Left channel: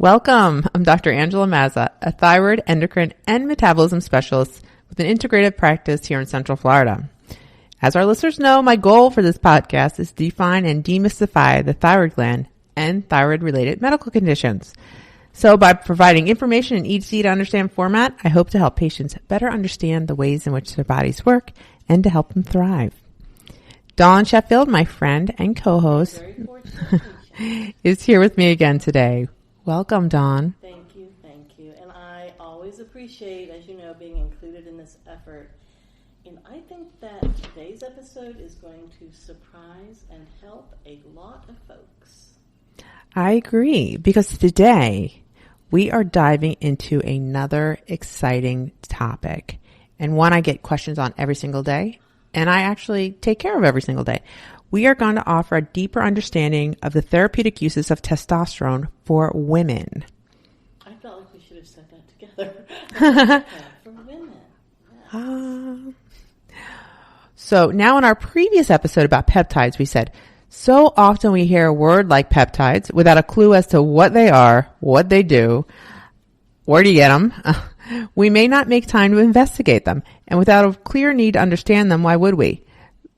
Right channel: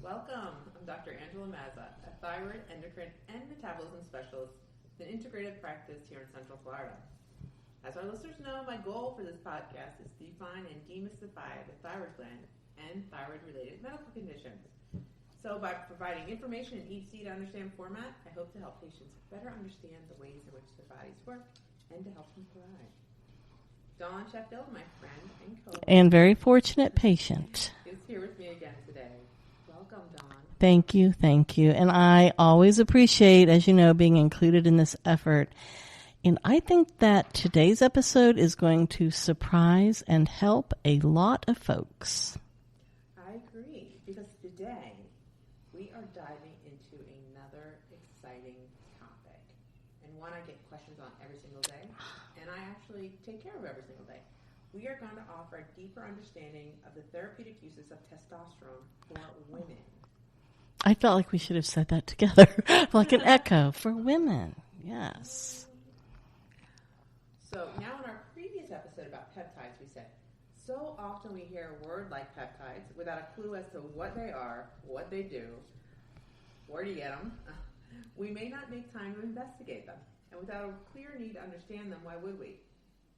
Welcome. I'm Dr. Angela Mazza, a thyroid, endocrine, and metabolism specialist with an integrative practice here in Central Florida. As our listeners know, my goal for this podcast is to define and demystify the thyroid gland and thyroid-related medical conditions. So by providing information in easy to understand format, I hope to help patients better understand the ways in which their bodies work and to help them thrive. Dawn Sheffield, my friend and co-host, and very fortunate patient, is here with me again today. Welcome, Dawn. Thank you. And I always appreciate, as you know, being included in this effort. And I think that today's episode is going to surprise and help a lot of folks. I agree, because today we are diving into another exciting topic, and one I get questions on every single day, and I actually take care of every single day. We are going to offer a deeper understanding of the therapeutic uses of testosterone for women. I felt like we should have said that together, like an echo for women. Yes. So now in our previous episode about peptides, we said, so often we hear a word like peptides without a clue as to what they are, what they do, where do you get them? We may not make time to investigate them. And without a clear need to understand them, why would we?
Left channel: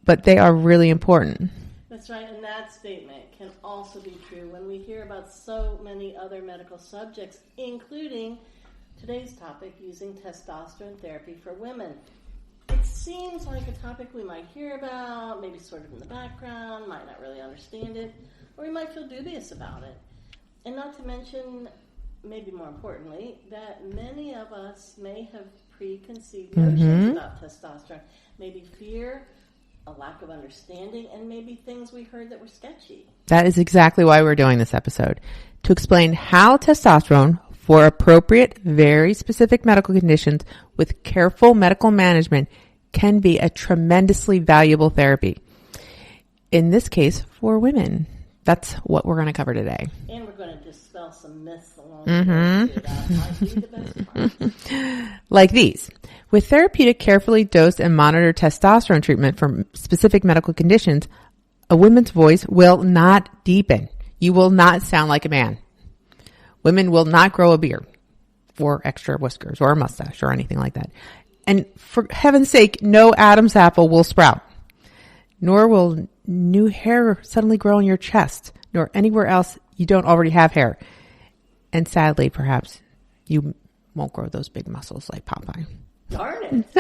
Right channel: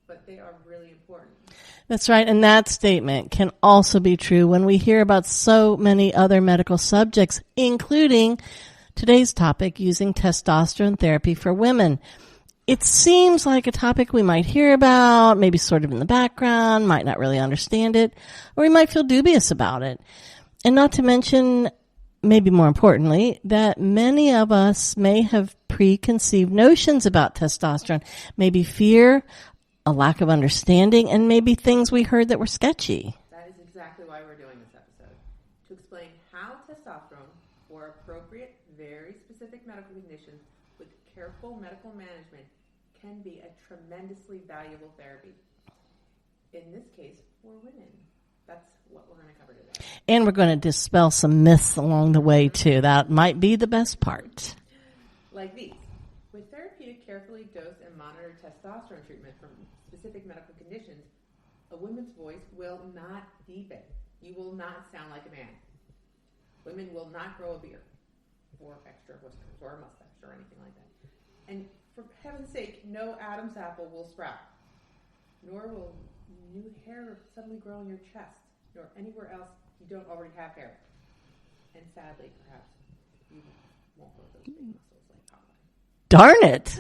But they are really important. That's right. And that statement can also be true when we hear about so many other medical subjects, including today's topic, using testosterone therapy for women. It seems like a topic we might hear about, maybe sort of in the background, might not really understand it, or we might feel dubious about it. And not to mention, maybe more importantly, that many of us may have preconceived notions about testosterone, maybe fear, a lack of understanding, and maybe things we heard that were sketchy. That is exactly why we're doing this episode, to explain how testosterone, for appropriate, very specific medical conditions with careful medical management, can be a tremendously valuable therapy. In this case, for women. That's what we're going to cover today. And we're going to dispel some myths along the way, too. That might be the best part. Like these. With therapeutic, carefully dosed and monitored testosterone treatment for specific medical conditions, a woman's voice will not deepen. You will not sound like a man. Women will not grow a beard or extra whiskers or a mustache or anything like that. And for heaven's sake, no Adam's apple will sprout. Nor will new hair suddenly grow on your chest, nor anywhere else you don't already have hair. And sadly, perhaps, you won't grow those big muscles like Popeye. Darn it.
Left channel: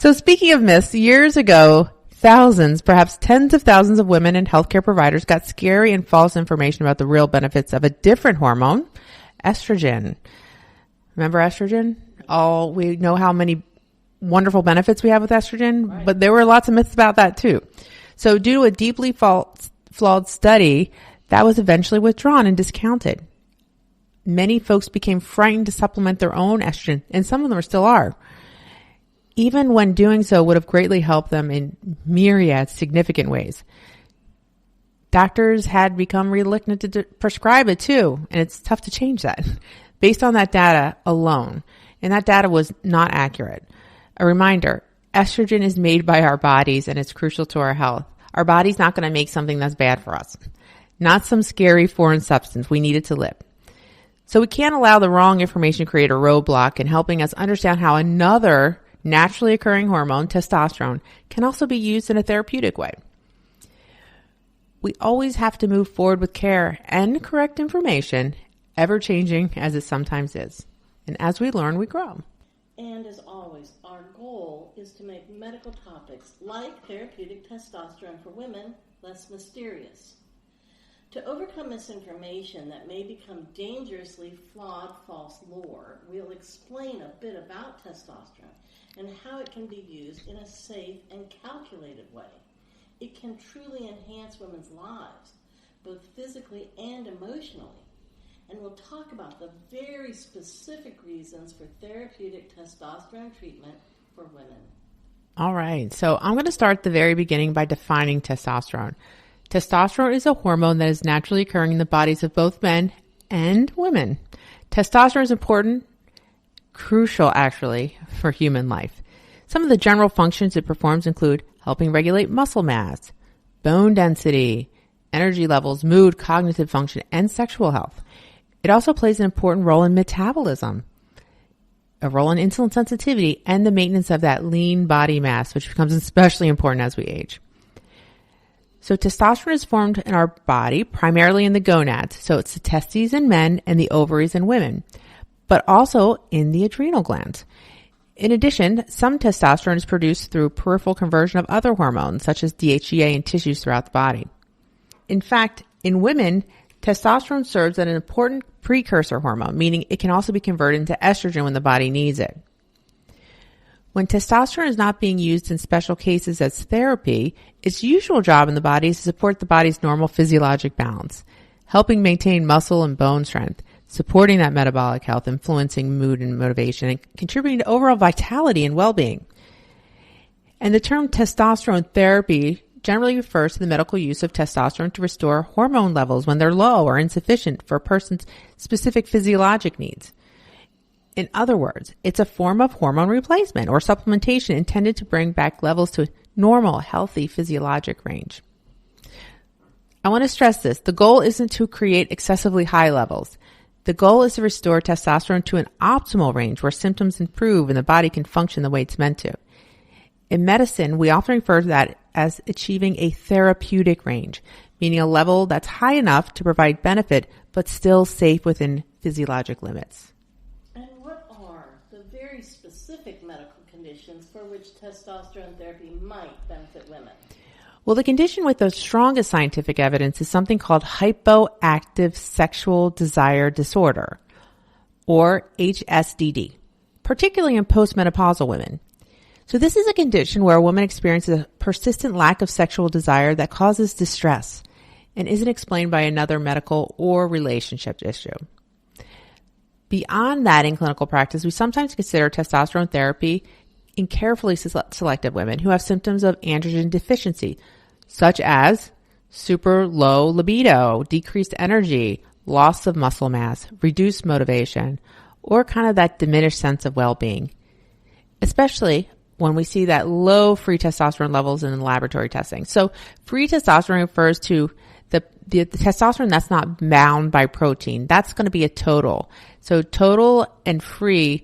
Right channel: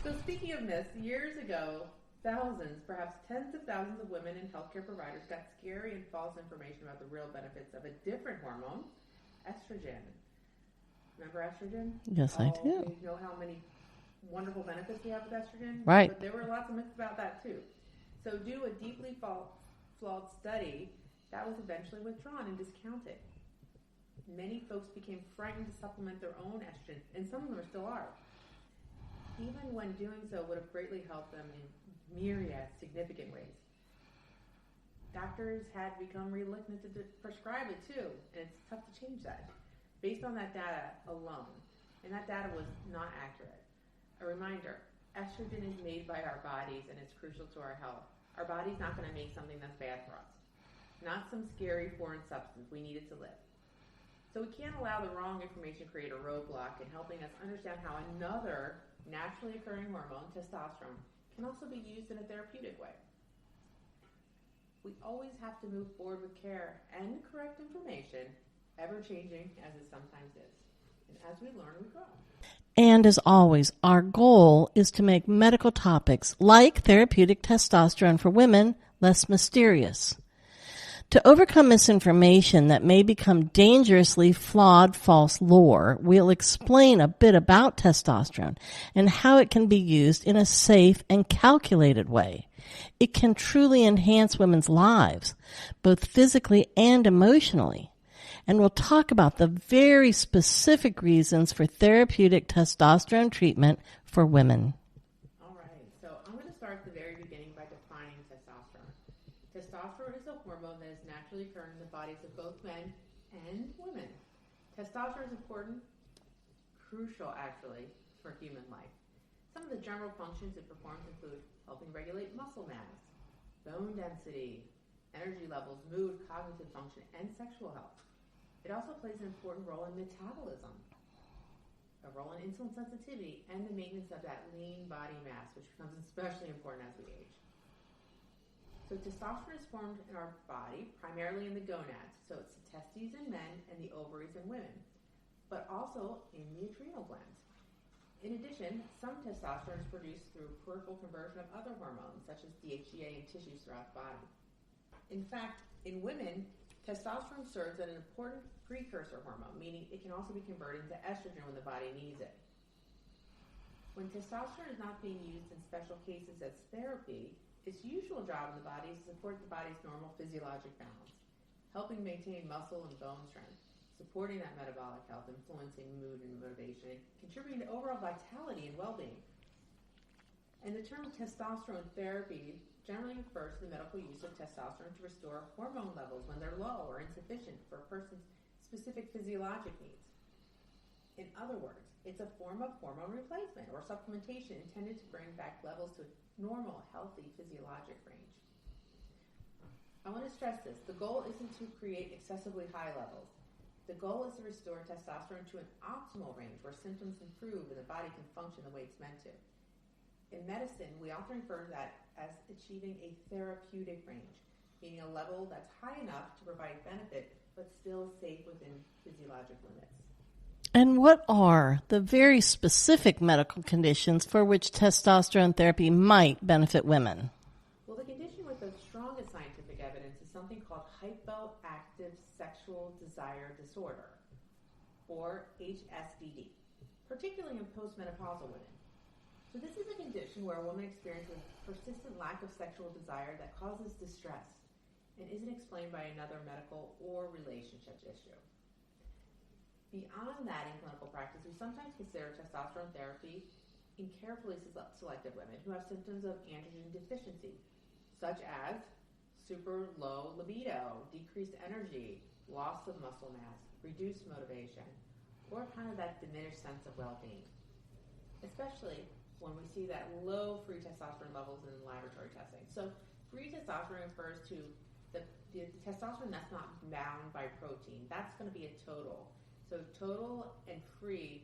So speaking of myths, years ago, thousands, perhaps tens of thousands of women and healthcare providers got scary and false information about the real benefits of a different hormone, estrogen. Remember estrogen? Yes, we know how many wonderful benefits we have with estrogen, right? But there were lots of myths about that too. So due to a deeply flawed study, that was eventually withdrawn and discounted. Many folks became frightened to supplement their own estrogen, and some of them still are. Even when doing so would have greatly helped them in myriad significant ways. Doctors had become reluctant to prescribe it too, and it's tough to change that based on that data alone. And that data was not accurate. A reminder, estrogen is made by our bodies and it's crucial to our health. Our body's not going to make something that's bad for us. Not some scary foreign substance. We need it to live. So we can't allow the wrong information to create a roadblock in helping us understand how another naturally occurring hormone, testosterone, can also be used in a therapeutic way. We always have to move forward with care and correct information, ever changing as it sometimes is. And as we learn, we grow. And as always, our goal is to make medical topics like therapeutic testosterone for women less mysterious. To overcome misinformation that may become dangerously flawed false lore, we'll explain a bit about testosterone and how it can be used in a safe and calculated way. It can truly enhance women's lives, both physically and emotionally. And we'll talk about the very specific reasons for therapeutic testosterone treatment for women. All right. So I'm going to start at the very beginning by defining testosterone. Testosterone is a hormone that is naturally occurring in the bodies of both men and women. Testosterone is important, crucial actually, for human life. Some of the general functions it performs include helping regulate muscle mass, bone density, energy levels, mood, cognitive function, and sexual health. It also plays an important role in metabolism, a role in insulin sensitivity, and the maintenance of that lean body mass, which becomes especially important as we age. So testosterone is formed in our body primarily in the gonads. So it's the testes in men and the ovaries in women, but also in the adrenal glands. In addition, some testosterone is produced through peripheral conversion of other hormones, such as DHEA in tissues throughout the body. In fact, in women, testosterone serves as an important precursor hormone, meaning it can also be converted into estrogen when the body needs it. When testosterone is not being used in special cases as therapy, its usual job in the body is to support the body's normal physiologic balance, helping maintain muscle and bone strength, supporting that metabolic health, influencing mood and motivation, and contributing to overall vitality and well-being. And the term testosterone therapy generally refers to the medical use of testosterone to restore hormone levels when they're low or insufficient for a person's specific physiologic needs. In other words, it's a form of hormone replacement or supplementation intended to bring back levels to a normal, healthy physiologic range. I want to stress this. The goal isn't to create excessively high levels. The goal is to restore testosterone to an optimal range where symptoms improve and the body can function the way it's meant to. In medicine, we often refer to that as achieving a therapeutic range, meaning a level that's high enough to provide benefit but still safe within physiologic limits. And what are the very specific medical conditions for which testosterone therapy might benefit women? Well, the condition with the strongest scientific evidence is something called hypoactive sexual desire disorder, or HSDD, particularly in postmenopausal women. So this is a condition where a woman experiences a persistent lack of sexual desire that causes distress and isn't explained by another medical or relationship issue. Beyond that, in clinical practice, we sometimes consider testosterone therapy in carefully selected women who have symptoms of androgen deficiency, such as super low libido, decreased energy, loss of muscle mass, reduced motivation, or kind of that diminished sense of well-being, especially when we see that low free testosterone levels in laboratory testing. So free testosterone refers to the testosterone that's not bound by protein. That's going to be a total. So total and free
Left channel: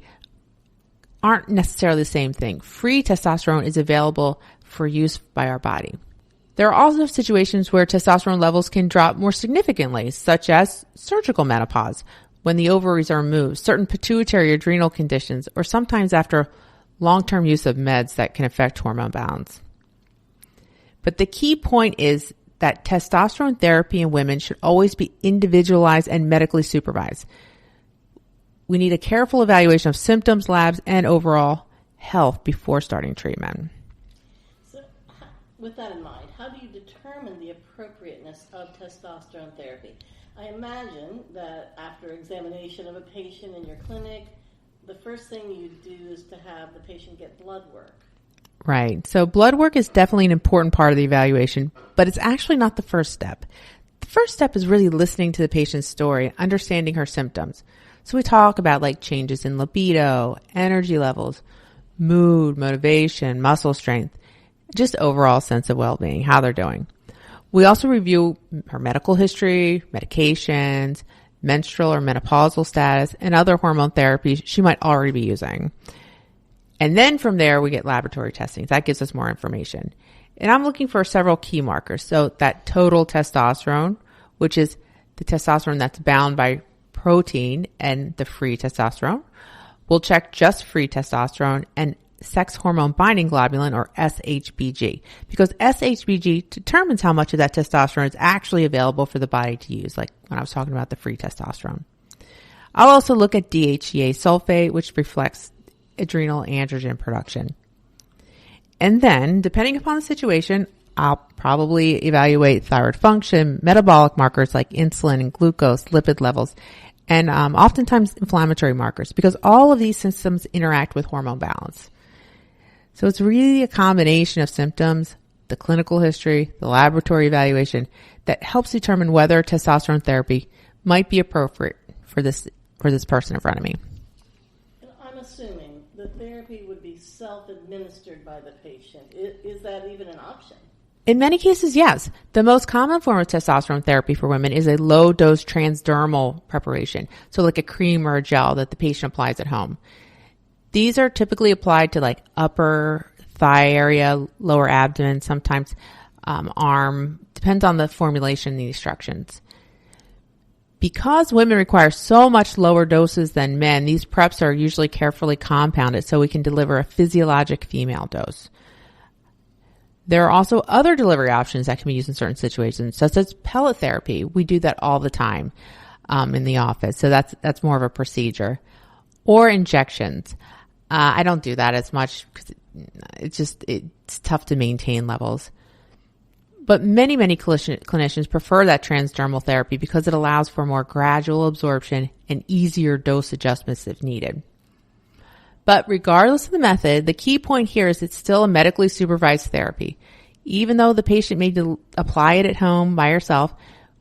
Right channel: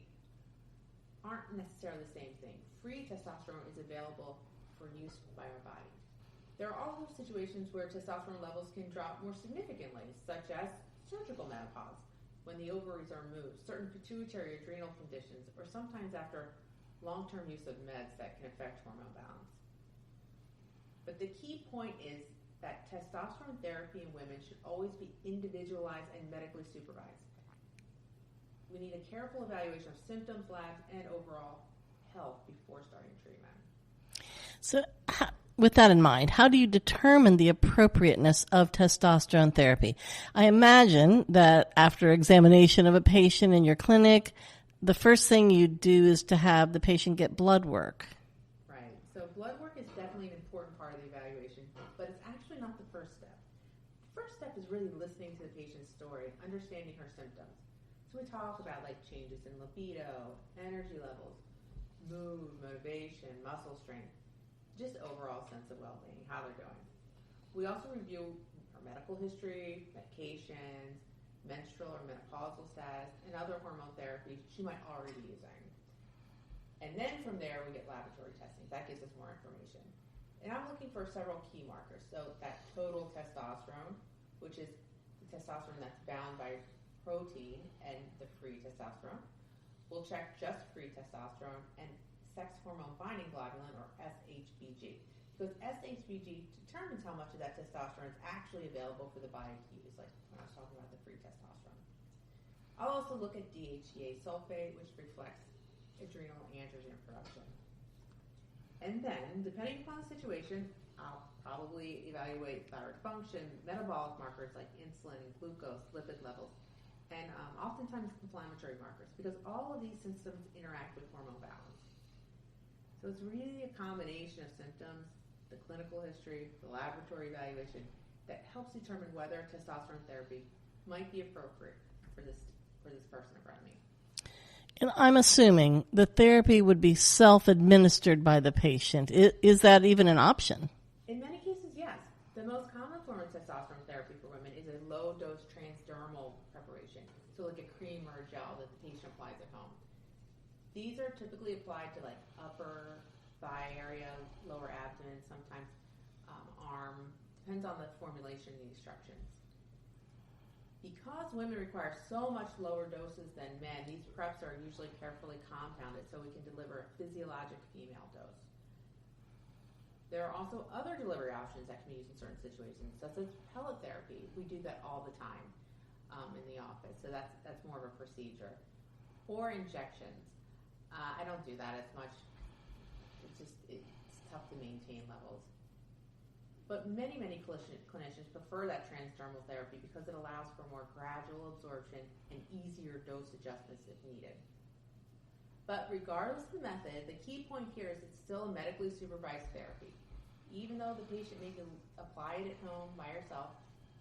aren't necessarily the same thing. Free testosterone is available for use by our body. There are also situations where testosterone levels can drop more significantly, such as surgical menopause, when the ovaries are removed, certain pituitary adrenal conditions, or sometimes after long-term use of meds that can affect hormone balance. But the key point is that testosterone therapy in women should always be individualized and medically supervised. We need a careful evaluation of symptoms, labs, and overall health before starting treatment. So with that in mind, how do you determine the appropriateness of testosterone therapy? I imagine that after examination of a patient in your clinic, the first thing you do is to have the patient get blood work. Right. So blood work is definitely an important part of the evaluation, but it's actually not the first step. The first step is really listening to the patient's story, understanding her symptoms. So we talk about like changes in libido, energy levels, mood, motivation, muscle strength, just overall sense of well-being, how they're doing. We also review her medical history, medications, menstrual or menopausal status, and other hormone therapies she might already be using. And then from there, we get laboratory testing. That gives us more information. And I'm looking for several key markers. So that total testosterone, which is the testosterone that's bound by protein, and the free testosterone. We'll check just free testosterone and sex hormone binding globulin, or SHBG, because SHBG determines how much of that testosterone is actually available for the body to use, like when I was talking about the free testosterone. I'll also look at DHEA sulfate, which reflects adrenal androgen production. And then, depending upon the situation, I'll probably evaluate thyroid function, metabolic markers like insulin and glucose, lipid levels, and oftentimes inflammatory markers, because all of these systems interact with hormone balance. So it's really a combination of symptoms, the clinical history, the laboratory evaluation that helps determine whether testosterone therapy might be appropriate for this person in front of me. And I'm assuming the therapy would be self-administered by the patient. Is that even an option? In many cases, yes. The most common form of testosterone therapy for women is a low-dose transdermal preparation, so like a cream or a gel that the patient applies at home. These are typically applied to like upper thigh area, lower abdomen, sometimes arm, depends on the formulation and the instructions. Because women require so much lower doses than men, these preps are usually carefully compounded so we can deliver a physiologic female dose. There are also other delivery options that can be used in certain situations, such as pellet therapy. We do that all the time in the office, so that's more of a procedure. Or injections. I don't do that as much because it's tough to maintain levels. But many clinicians prefer that transdermal therapy because it allows for more gradual absorption and easier dose adjustments if needed. But regardless of the method, the key point here is it's still a medically supervised therapy. Even though the patient may apply it at home by herself,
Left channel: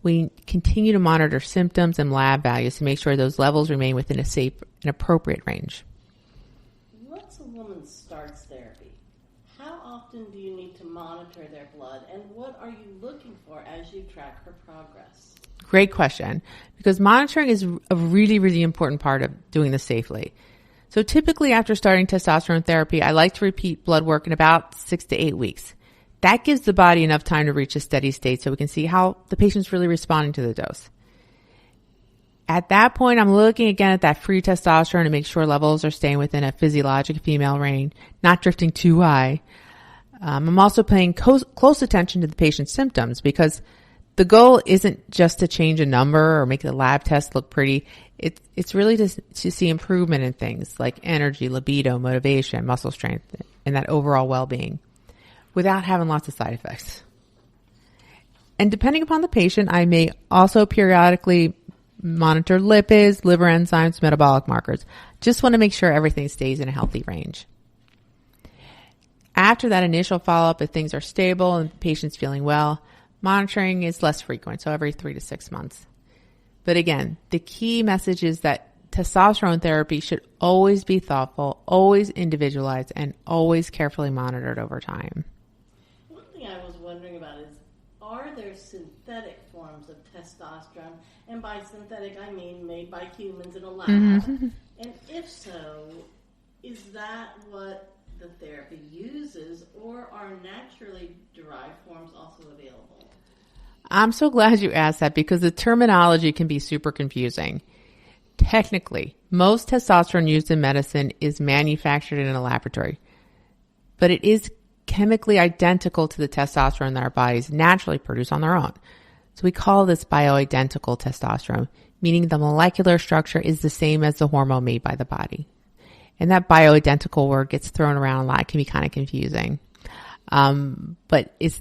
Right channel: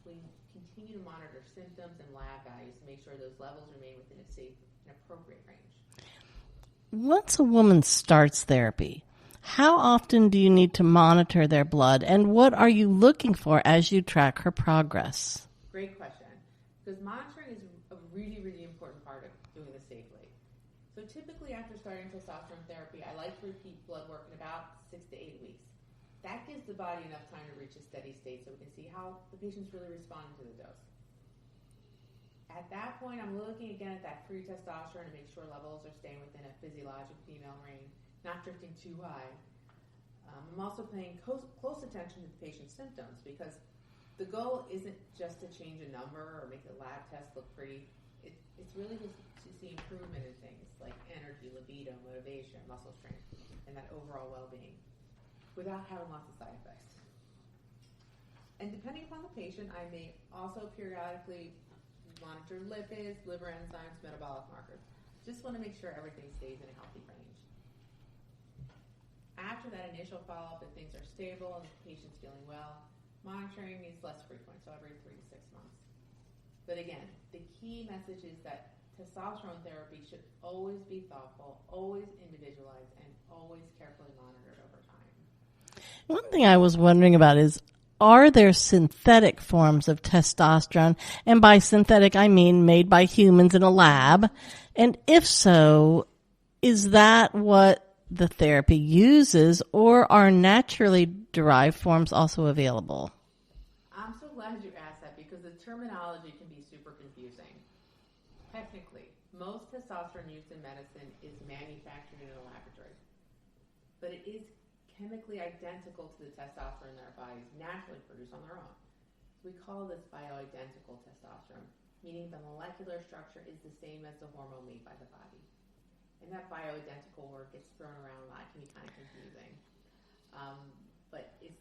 we continue to monitor symptoms and lab values to make sure those levels remain within a safe and appropriate range. Once a woman starts therapy, how often do you need to monitor their blood, and what are you looking for as you track her progress? Great question, because monitoring is a really, really important part of doing this safely. So typically after starting testosterone therapy, I like to repeat blood work in about 6 to 8 weeks. That gives the body enough time to reach a steady state so we can see how the patient's really responding to the dose. At that point, I'm looking again at that free testosterone to make sure levels are staying within a physiologic female range, not drifting too high. I'm also paying close attention to the patient's symptoms because the goal isn't just to change a number or make the lab test look pretty. It's really to see improvement in things like energy, libido, motivation, muscle strength, and that overall well-being without having lots of side effects. And depending upon the patient, I may also periodically monitor lipids, liver enzymes, metabolic markers. Just want to make sure everything stays in a healthy range. After that initial follow-up, if things are stable and the patient's feeling well, monitoring is less frequent, so every 3 to 6 months. But again, the key message is that testosterone therapy should always be thoughtful, always individualized, and always carefully monitored over time. One thing I was wondering about is, are there synthetic forms of testosterone? And by synthetic, I mean made by humans in a lab. Mm-hmm. And if so, is that what the therapy uses, or are naturally derived forms also available? I'm so glad you asked that because the terminology can be super confusing. Technically, most testosterone used in medicine is manufactured in a laboratory, but it is chemically identical to the testosterone that our bodies naturally produce on their own. So we call this bioidentical testosterone, meaning the molecular structure is the same as the hormone made by the body. And that bioidentical word gets thrown around a lot. It can be kind of confusing. But it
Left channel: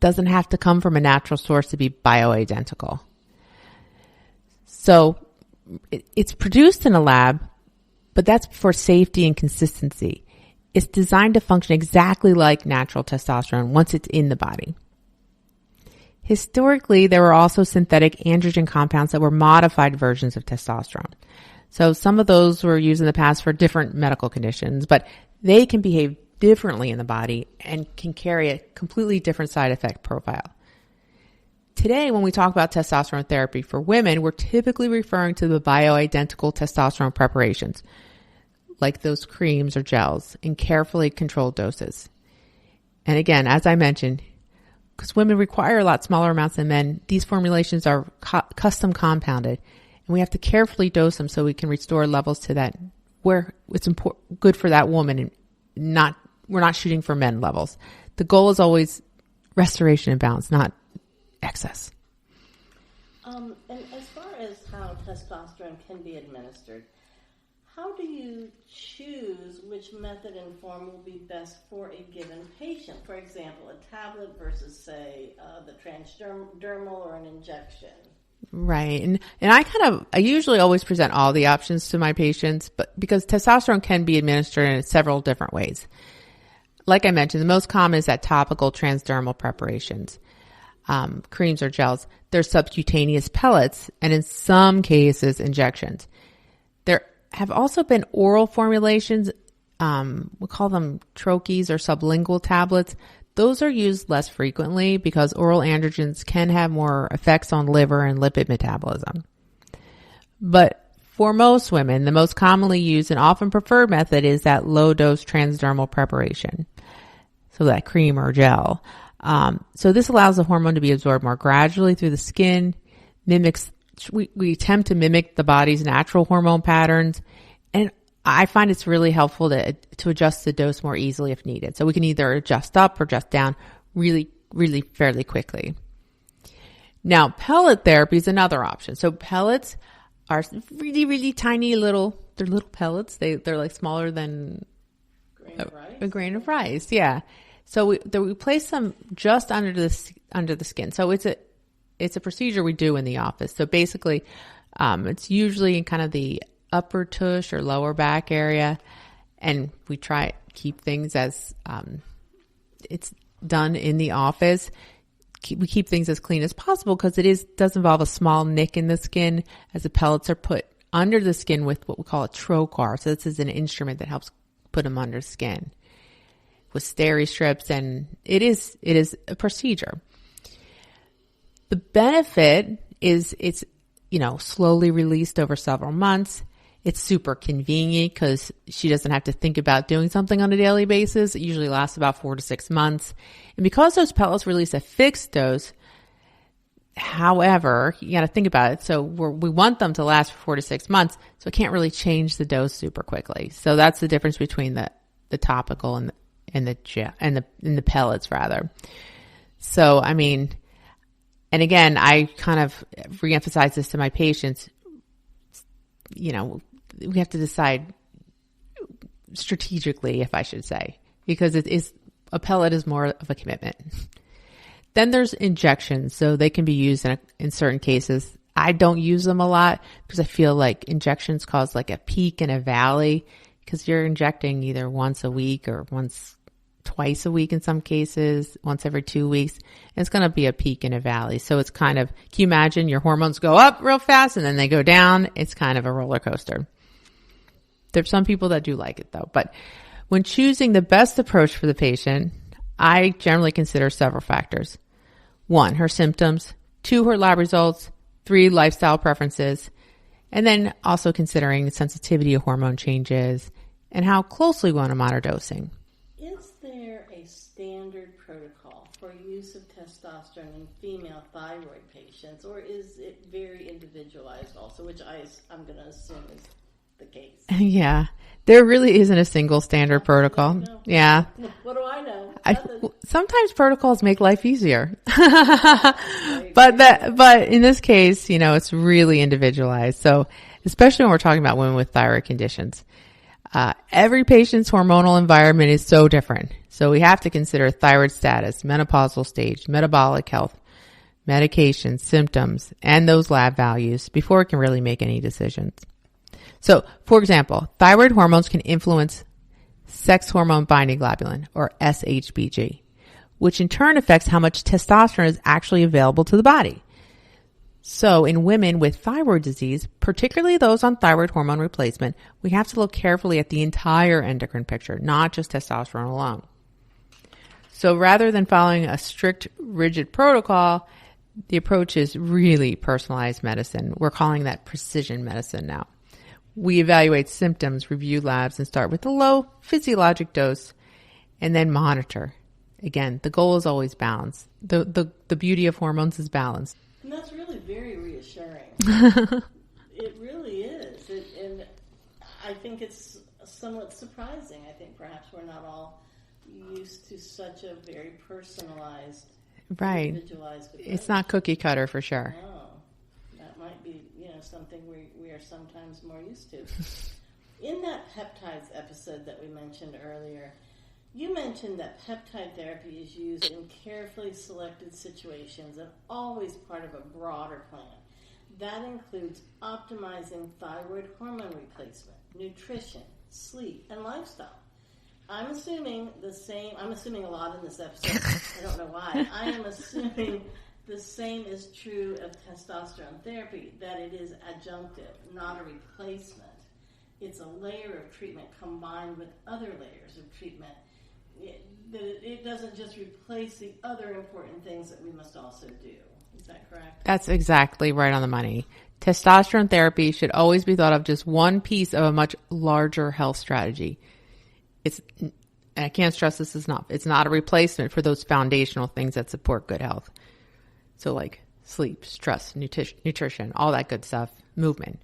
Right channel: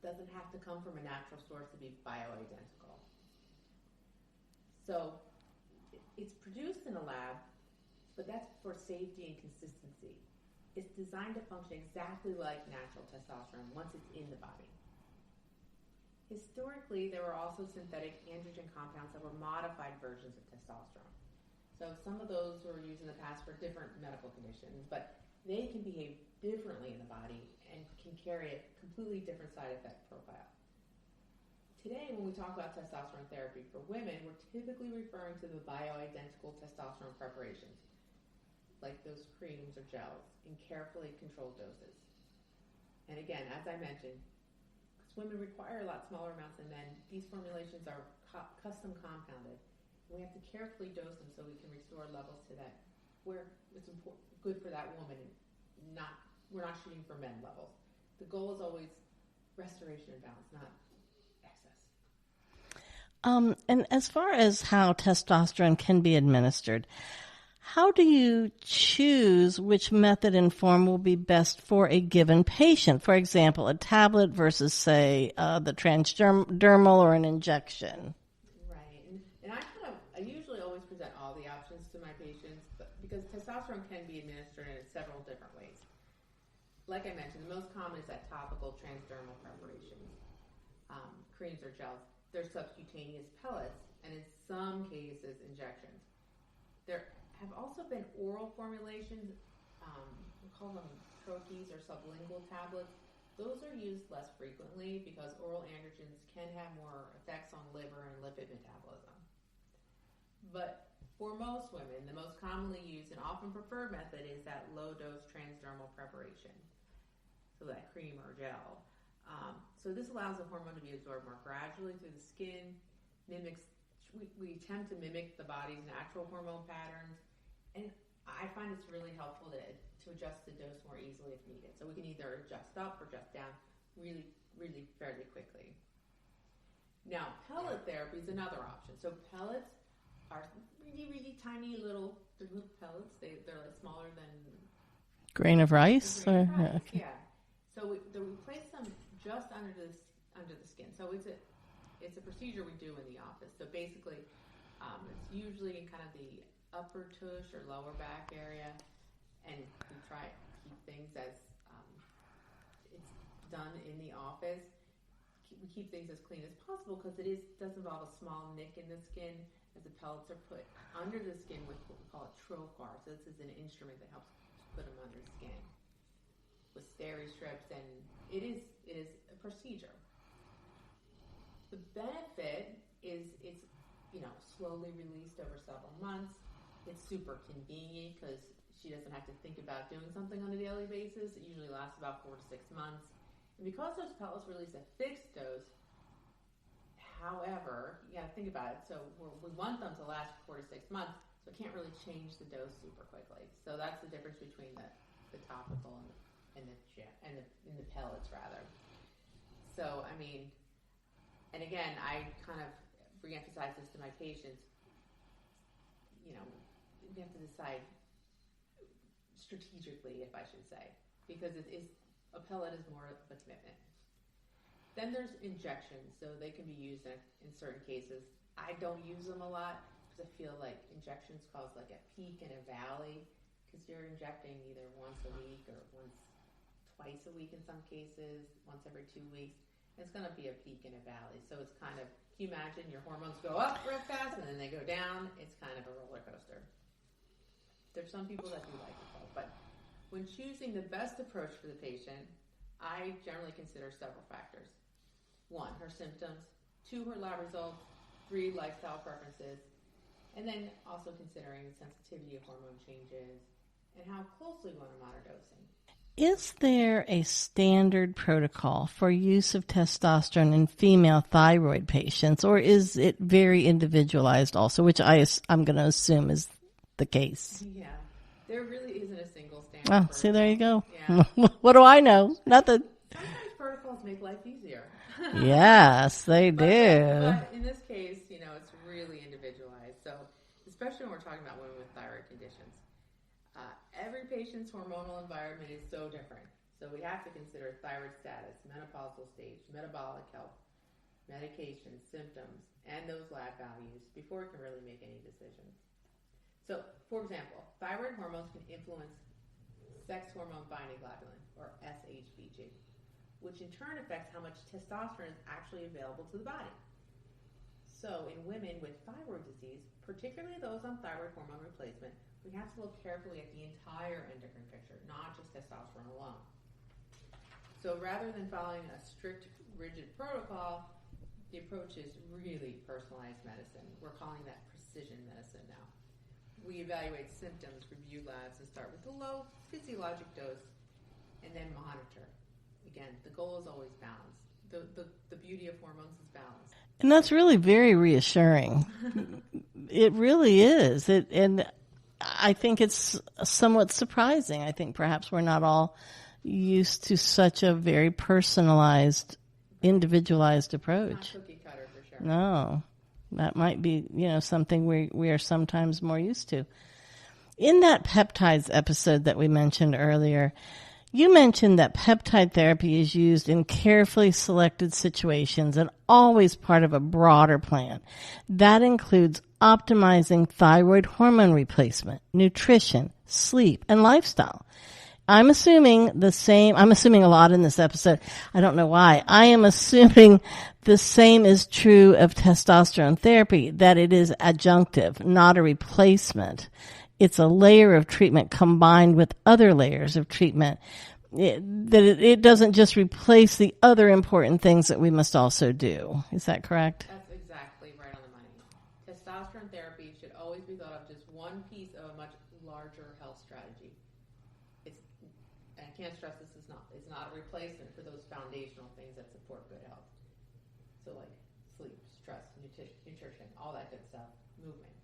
doesn't have to come from a natural source to be bioidentical. So it's produced in a lab, but that's for safety and consistency. It's designed to function exactly like natural testosterone once it's in the body. Historically, there were also synthetic androgen compounds that were modified versions of testosterone. So some of those were used in the past for different medical conditions, but they can behave differently in the body and can carry a completely different side effect profile. Today, when we talk about testosterone therapy for women, we're typically referring to the bioidentical testosterone preparations, like those creams or gels, in carefully controlled doses. And again, as I mentioned, because women require a lot smaller amounts than men, these formulations are custom compounded, and we have to carefully dose them so we can restore levels to that where it's good for that woman, and we're not shooting for men levels. The goal is always restoration and balance, not excess. And as far as how testosterone can be administered, how do you choose which method and form will be best for a given patient? For example, a tablet versus, say, the transdermal or an injection. Right. And I usually always present all the options to my patients, but because testosterone can be administered in several different ways. Like I mentioned, the most common is that topical transdermal preparations, creams or gels. There's subcutaneous pellets, and in some cases, injections. There have also been oral formulations. We call them troches or sublingual tablets. those are used less frequently because oral androgens can have more effects on liver and lipid metabolism. But for most women, the most commonly used and often preferred method is that low-dose transdermal preparation, so that cream or gel. So this allows the hormone to be absorbed more gradually through the skin, we attempt to mimic the body's natural hormone patterns, and I find it's really helpful to adjust the dose more easily if needed. So we can either adjust up or adjust down really, really fairly quickly. Now, pellet therapy is another option. So pellets are really, really tiny they're little pellets. They're like smaller than grain of rice. A grain of rice, yeah. So we place them just under the skin. So it's a procedure we do in the office. So basically, it's usually in kind of the upper tush or lower back area, and we try to keep things as it's done in the office. We keep things as clean as possible because does involve a small nick in the skin as the pellets are put under the skin with what we call a trocar. So this is an instrument that helps put them under skin with steri strips, and it is a procedure. The benefit is it's slowly released over several months. It's super convenient because she doesn't have to think about doing something on a daily basis. It usually lasts about 4 to 6 months. And because those pellets release a fixed dose, however, you got to think about it. So we want them to last for 4 to 6 months. So it can't really change the dose super quickly. So that's the difference between the topical and the gel and the pellets rather. So, I mean, and again, I kind of reemphasize this to my patients. We have to decide strategically, if I should say, because a pellet is more of a commitment. Then there's injections. So they can be used in certain cases. I don't use them a lot because I feel like injections cause like a peak and a valley because you're injecting either once a week or twice a week in some cases, once every 2 weeks. And it's going to be a peak and a valley. So it's kind of, can you imagine your hormones go up real fast and then they go down? It's kind of a roller coaster. There's some people that do like it though. But when choosing the best approach for the patient, I generally consider several factors. 1, her symptoms. 2, her lab results. 3, lifestyle preferences. And then also considering the sensitivity of hormone changes and how closely we want to monitor dosing. Is there a standard protocol for use of testosterone in female thyroid patients, or is it very individualized also, which I'm going to assume is the case? Yeah. There really isn't a single standard protocol. See, there you go. Yeah. What do I know? Nothing. Sometimes protocols make life easier. Yes, they do. But in this case, it's really individualized. So especially when we're talking about women with thyroid conditions. Every patient's hormonal environment is so different. So we have to consider thyroid status, menopausal stage, metabolic health, medications, symptoms, and those lab values before we can really make any decisions. So, for example, thyroid hormones can influence sex hormone binding globulin, or SHBG, which in turn affects how much testosterone is actually available to the body. So in women with thyroid disease, particularly those on thyroid hormone replacement, we have to look carefully at the entire endocrine picture, not just testosterone alone. So rather than following a strict, rigid protocol, the approach is really personalized medicine. We're calling that precision medicine now. We evaluate symptoms, review labs, and start with a low physiologic dose, and then monitor. Again, the goal is always balance. The beauty of hormones is balance. And that's really very reassuring. It really is. And I think it's somewhat surprising. I think perhaps we're not all used to such a very personalized, individualized approach. It's not cookie cutter for sure. No. That might be, something we are sometimes more used to. In that peptides episode that we mentioned earlier, you mentioned that peptide therapy is used in carefully selected situations and always part of a broader plan. That includes optimizing thyroid hormone replacement, nutrition, sleep, and lifestyle. I'm assuming a lot in this episode. I don't know why. I am assuming the same is true of testosterone therapy, that it is adjunctive, not a replacement. It's a layer of treatment combined with other layers of treatment. it doesn't just replace the other important things that we must also do. Is that correct? That's exactly right on the money. Testosterone therapy should always be thought of just one piece of a much larger health strategy. I can't stress this, it's not a replacement for those foundational things that support good health. So like sleep, stress, nutrition, all that good stuff, movement.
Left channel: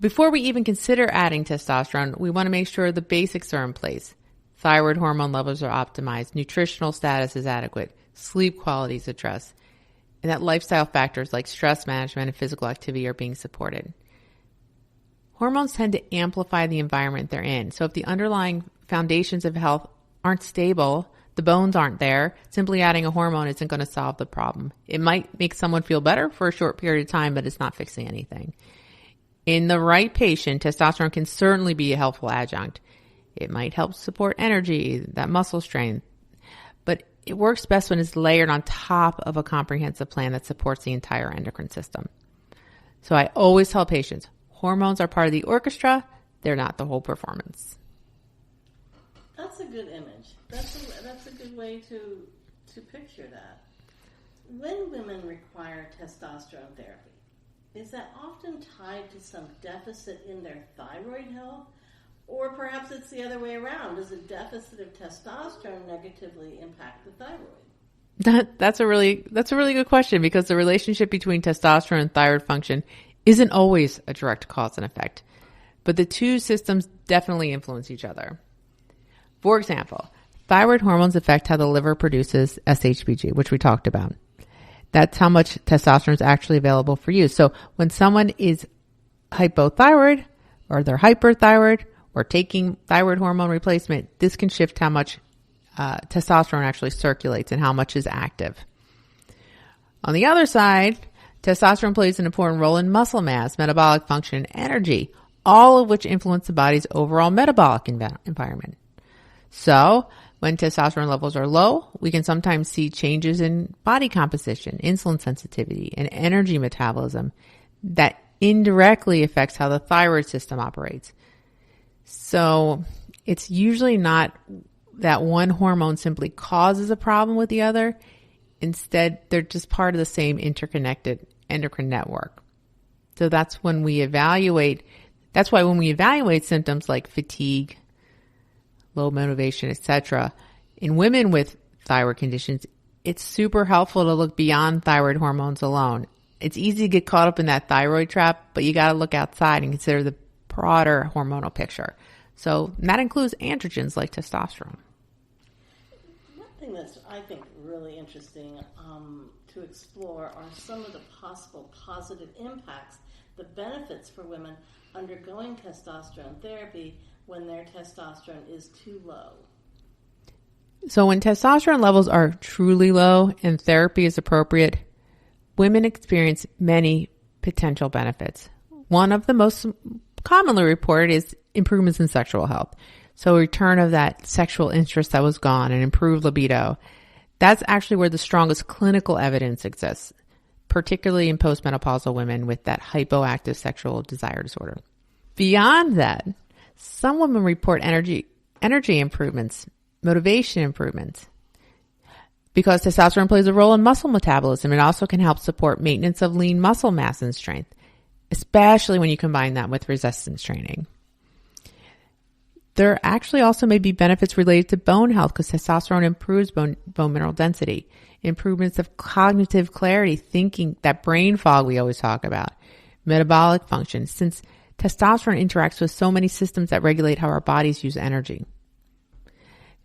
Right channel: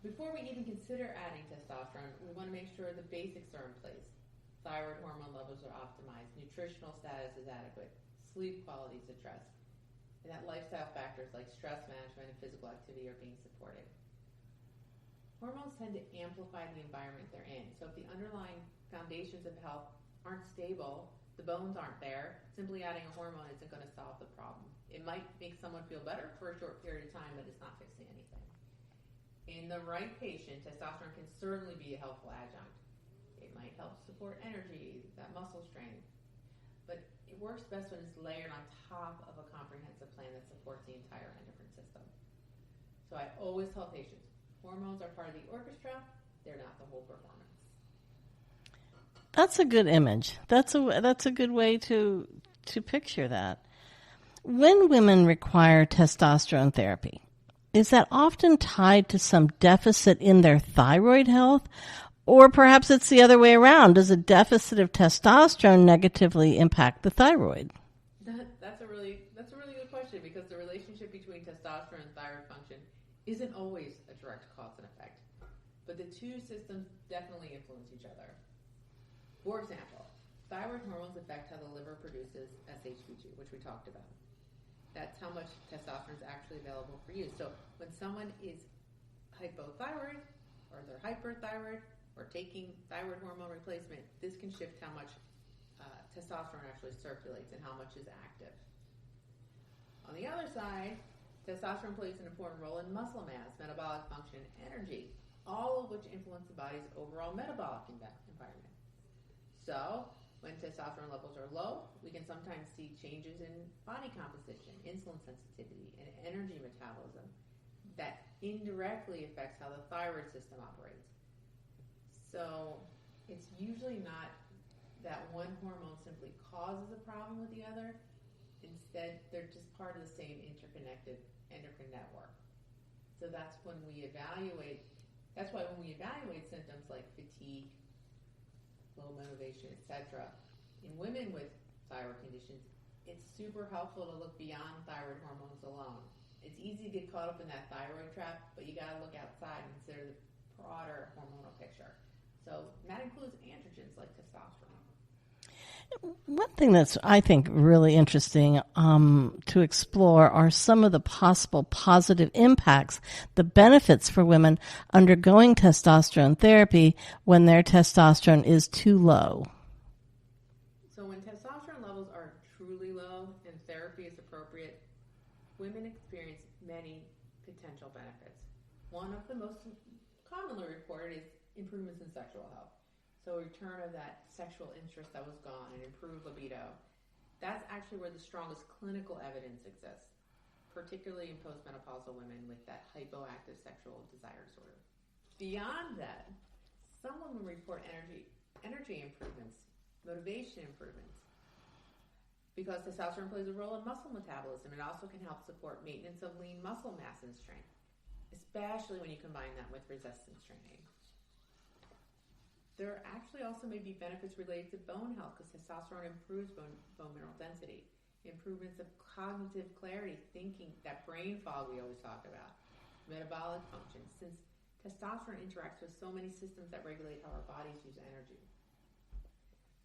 Before we even consider adding testosterone, we want to make sure the basics are in place. Thyroid hormone levels are optimized, nutritional status is adequate, sleep quality is addressed, and that lifestyle factors like stress management and physical activity are being supported. Hormones tend to amplify the environment they're in. So if the underlying foundations of health aren't stable, the bones aren't there, simply adding a hormone isn't going to solve the problem. It might make someone feel better for a short period of time, but it's not fixing anything. In the right patient, testosterone can certainly be a helpful adjunct. It might help support energy, that muscle strength, but it works best when it's layered on top of a comprehensive plan that supports the entire endocrine system. So I always tell patients, hormones are part of the orchestra, they're not the whole performance. That's a good image. That's a good way to picture that. When women require testosterone therapy, is that often tied to some deficit in their thyroid health? Or perhaps it's the other way around. Does a deficit of testosterone negatively impact the thyroid? That's a really good question, because the relationship between testosterone and thyroid function isn't always a direct cause and effect. But the two systems definitely influence each other. For example, thyroid hormones affect how the liver produces SHBG, which we talked about. That's how much testosterone is actually available for use. So when someone is hypothyroid or they're hyperthyroid or taking thyroid hormone replacement, this can shift how much testosterone actually circulates and how much is active. On the other side, testosterone plays an important role in muscle mass, metabolic function, and energy, all of which influence the body's overall metabolic environment. So when testosterone levels are low, we can sometimes see changes in body composition, insulin sensitivity, and energy metabolism that indirectly affects how the thyroid system operates. So it's usually not that one hormone simply causes a problem with the other. Instead, they're just part of the same interconnected endocrine network. So that's why when we evaluate symptoms like fatigue, low motivation, etc., in women with thyroid conditions, it's super helpful to look beyond thyroid hormones alone. It's easy to get caught up in that thyroid trap, but you got to look outside and consider the broader hormonal picture. So that includes androgens like testosterone. One thing that's, I think, really interesting to explore are some of the possible positive impacts, the benefits for women undergoing testosterone therapy when their testosterone is too low. So when testosterone levels are truly low and therapy is appropriate, women experience many potential benefits. One of the most commonly reported is improvements in sexual health. So return of that sexual interest that was gone and improved libido. That's actually where the strongest clinical evidence exists, particularly in postmenopausal women with that hypoactive sexual desire disorder. Beyond that, some women report energy improvements, motivation improvements. Because testosterone plays a role in muscle metabolism, it also can help support maintenance of lean muscle mass and strength, especially when you combine that with resistance training. There actually also may be benefits related to bone health because testosterone improves bone mineral density, improvements of cognitive clarity, thinking, that brain fog we always talk about, metabolic function, since testosterone interacts with so many systems that regulate how our bodies use energy.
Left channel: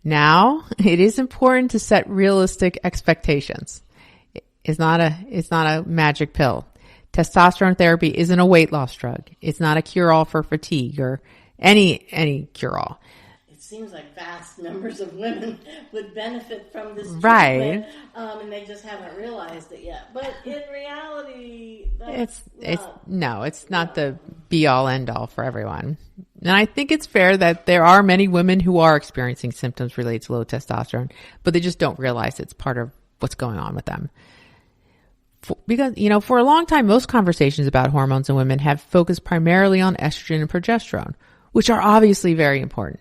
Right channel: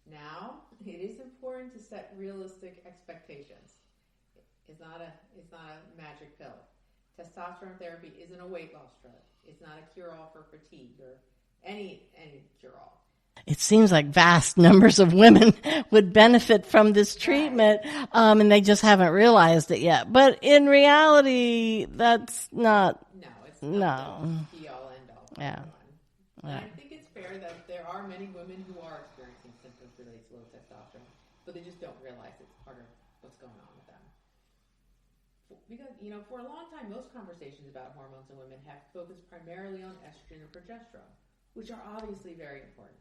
Now, it is important to set realistic expectations. It's not a magic pill. Testosterone therapy isn't a weight loss drug. It's not a cure-all for fatigue or any cure-all. It seems like vast numbers of women would benefit from this treatment, right. And they just haven't realized it yet. But in reality, it's not the be-all, end-all for everyone. And I think it's fair that there are many women who are experiencing symptoms related to low testosterone, but they just don't realize it's part of what's going on with them. Because, for a long time, most conversations about hormones in women have focused primarily on estrogen and progesterone, which are obviously very important.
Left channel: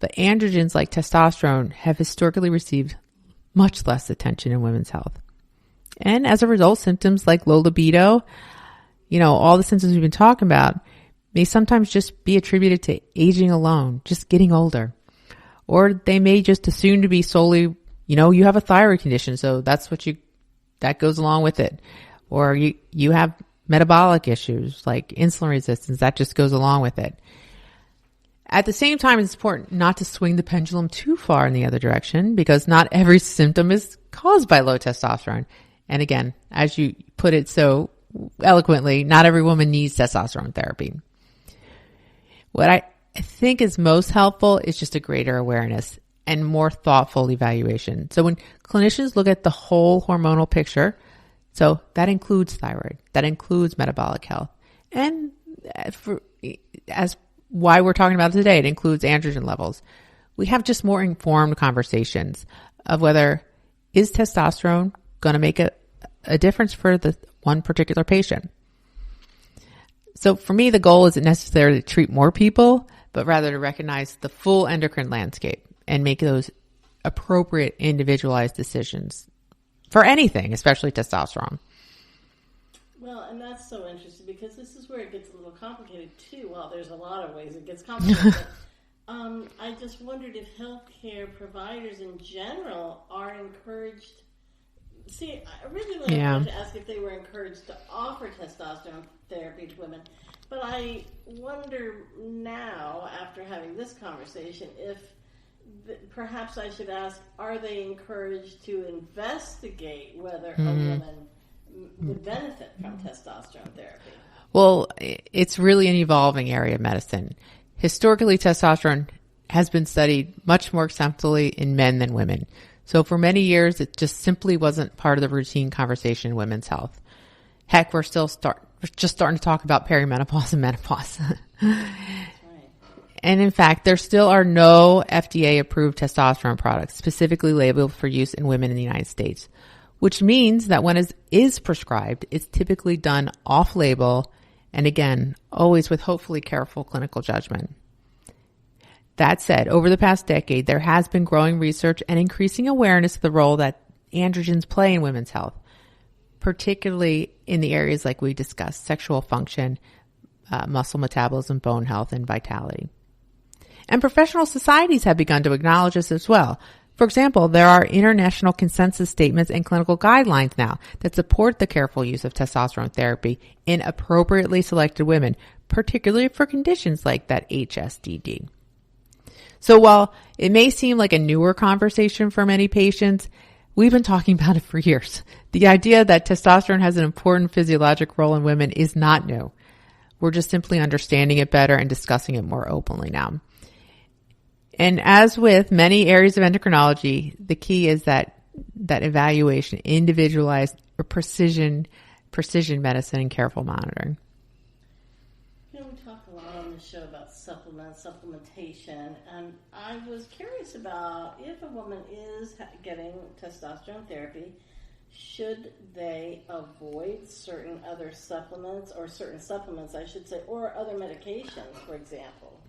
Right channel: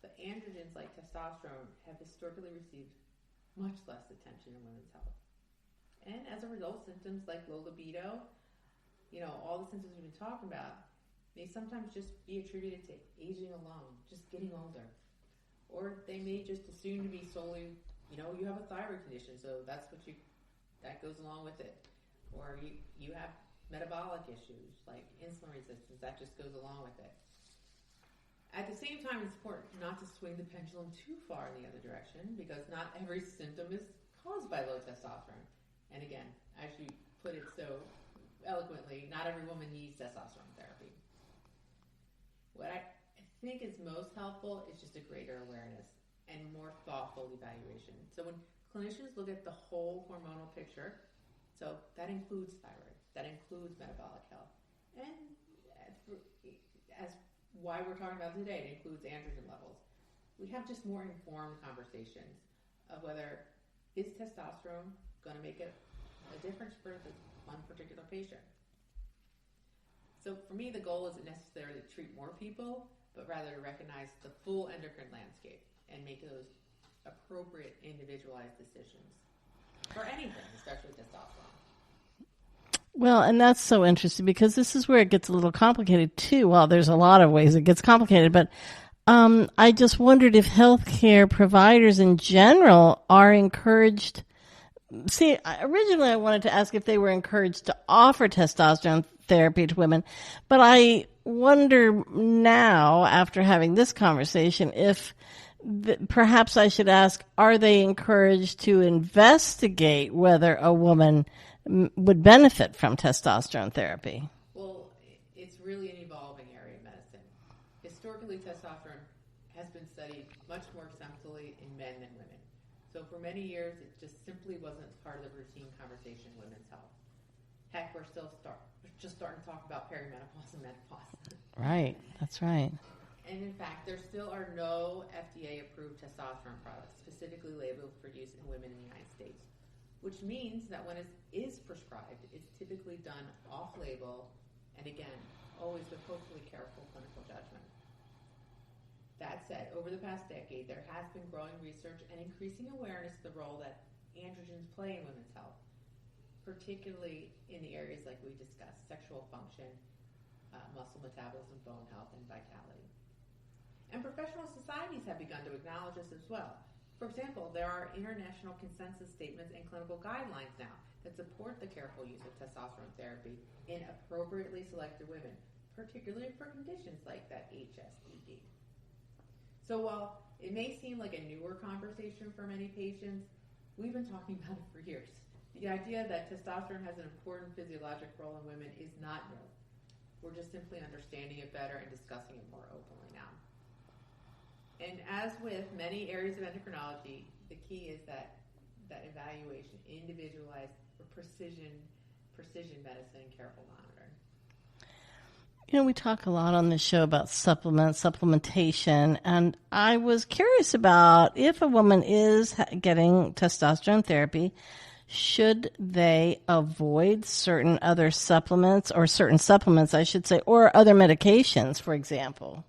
but androgens like testosterone have historically received much less attention in women's health. And as a result, symptoms like low libido, all the symptoms we've been talking about, may sometimes just be attributed to aging alone, just getting older. Or they may just assume to be solely, you have a thyroid condition, so that goes along with it. Or you have metabolic issues like insulin resistance, that just goes along with it. At the same time, it's important not to swing the pendulum too far in the other direction, because not every symptom is caused by low testosterone. And again, as you put it so eloquently, not every woman needs testosterone therapy. What I think is most helpful is just a greater awareness and more thoughtful evaluation. So when clinicians look at the whole hormonal picture, so that includes thyroid, that includes metabolic health, and as why we're talking about it today, it includes androgen levels. We have just more informed conversations of whether is testosterone going to make a difference for the one particular patient. So for me, the goal isn't necessarily to treat more people, but rather to recognize the full endocrine landscape and make those appropriate individualized decisions for anything, especially testosterone. Well, and that's so interesting because this is where it gets a little complicated too. Well, there's a lot of ways it gets complicated, but I just wondered if healthcare providers in general are encouraged. See, originally I wanted to ask if they were encouraged to offer testosterone therapy to women, but I wonder now, after having this conversation, if perhaps I should ask, are they encouraged to investigate whether a woman would benefit from testosterone therapy? Well, it's really an evolving area of medicine. Historically, testosterone has been studied much more extensively in men than women. So for many years, it just simply wasn't part of the routine conversation in women's health. Heck, we're just starting to talk about perimenopause and menopause. Right, that's right. And in fact, there still are no FDA-approved testosterone products specifically labeled for use in women in the United States, which means that when it is prescribed, it's typically done off-label and, again, always with hopefully careful clinical judgment. That said, over the past decade, there has been growing research and increasing awareness of the role that androgens play in women's health, particularly in the areas like we discussed, sexual function, muscle metabolism, bone health, and vitality. And professional societies have begun to acknowledge this as well. For example, there are international consensus statements and clinical guidelines now that support the careful use of testosterone therapy in appropriately selected women, particularly for conditions like that HSDD. So while it may seem like a newer conversation for many patients, we've been talking about it for years. The idea that testosterone has an important physiologic role in women is not new. We're just simply understanding it better and discussing it more openly now. And as with many areas of endocrinology, the key is that evaluation, individualized or precision medicine, and careful monitoring. We talk a lot on this show about supplementation, and I was curious about if a woman is getting testosterone therapy, should they avoid certain other supplements, or certain supplements, I should say, or other medications, for example?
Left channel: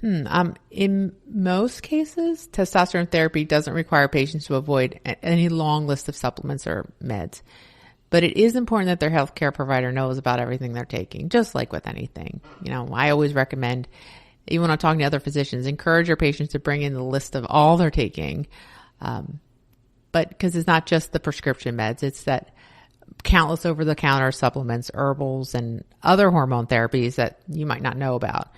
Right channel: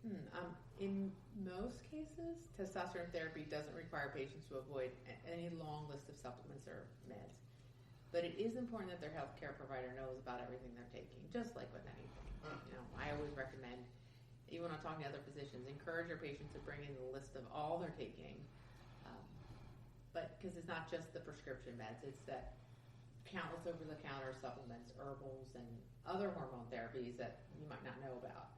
In most cases, testosterone therapy doesn't require patients to avoid any long list of supplements or meds. But it is important that their healthcare provider knows about everything they're taking, just like with anything. I always recommend, even when I'm talking to other physicians, encourage your patients to bring in the list of all they're taking. But because it's not just the prescription meds, it's that countless over-the-counter supplements, herbals, and other hormone therapies that you might not know about.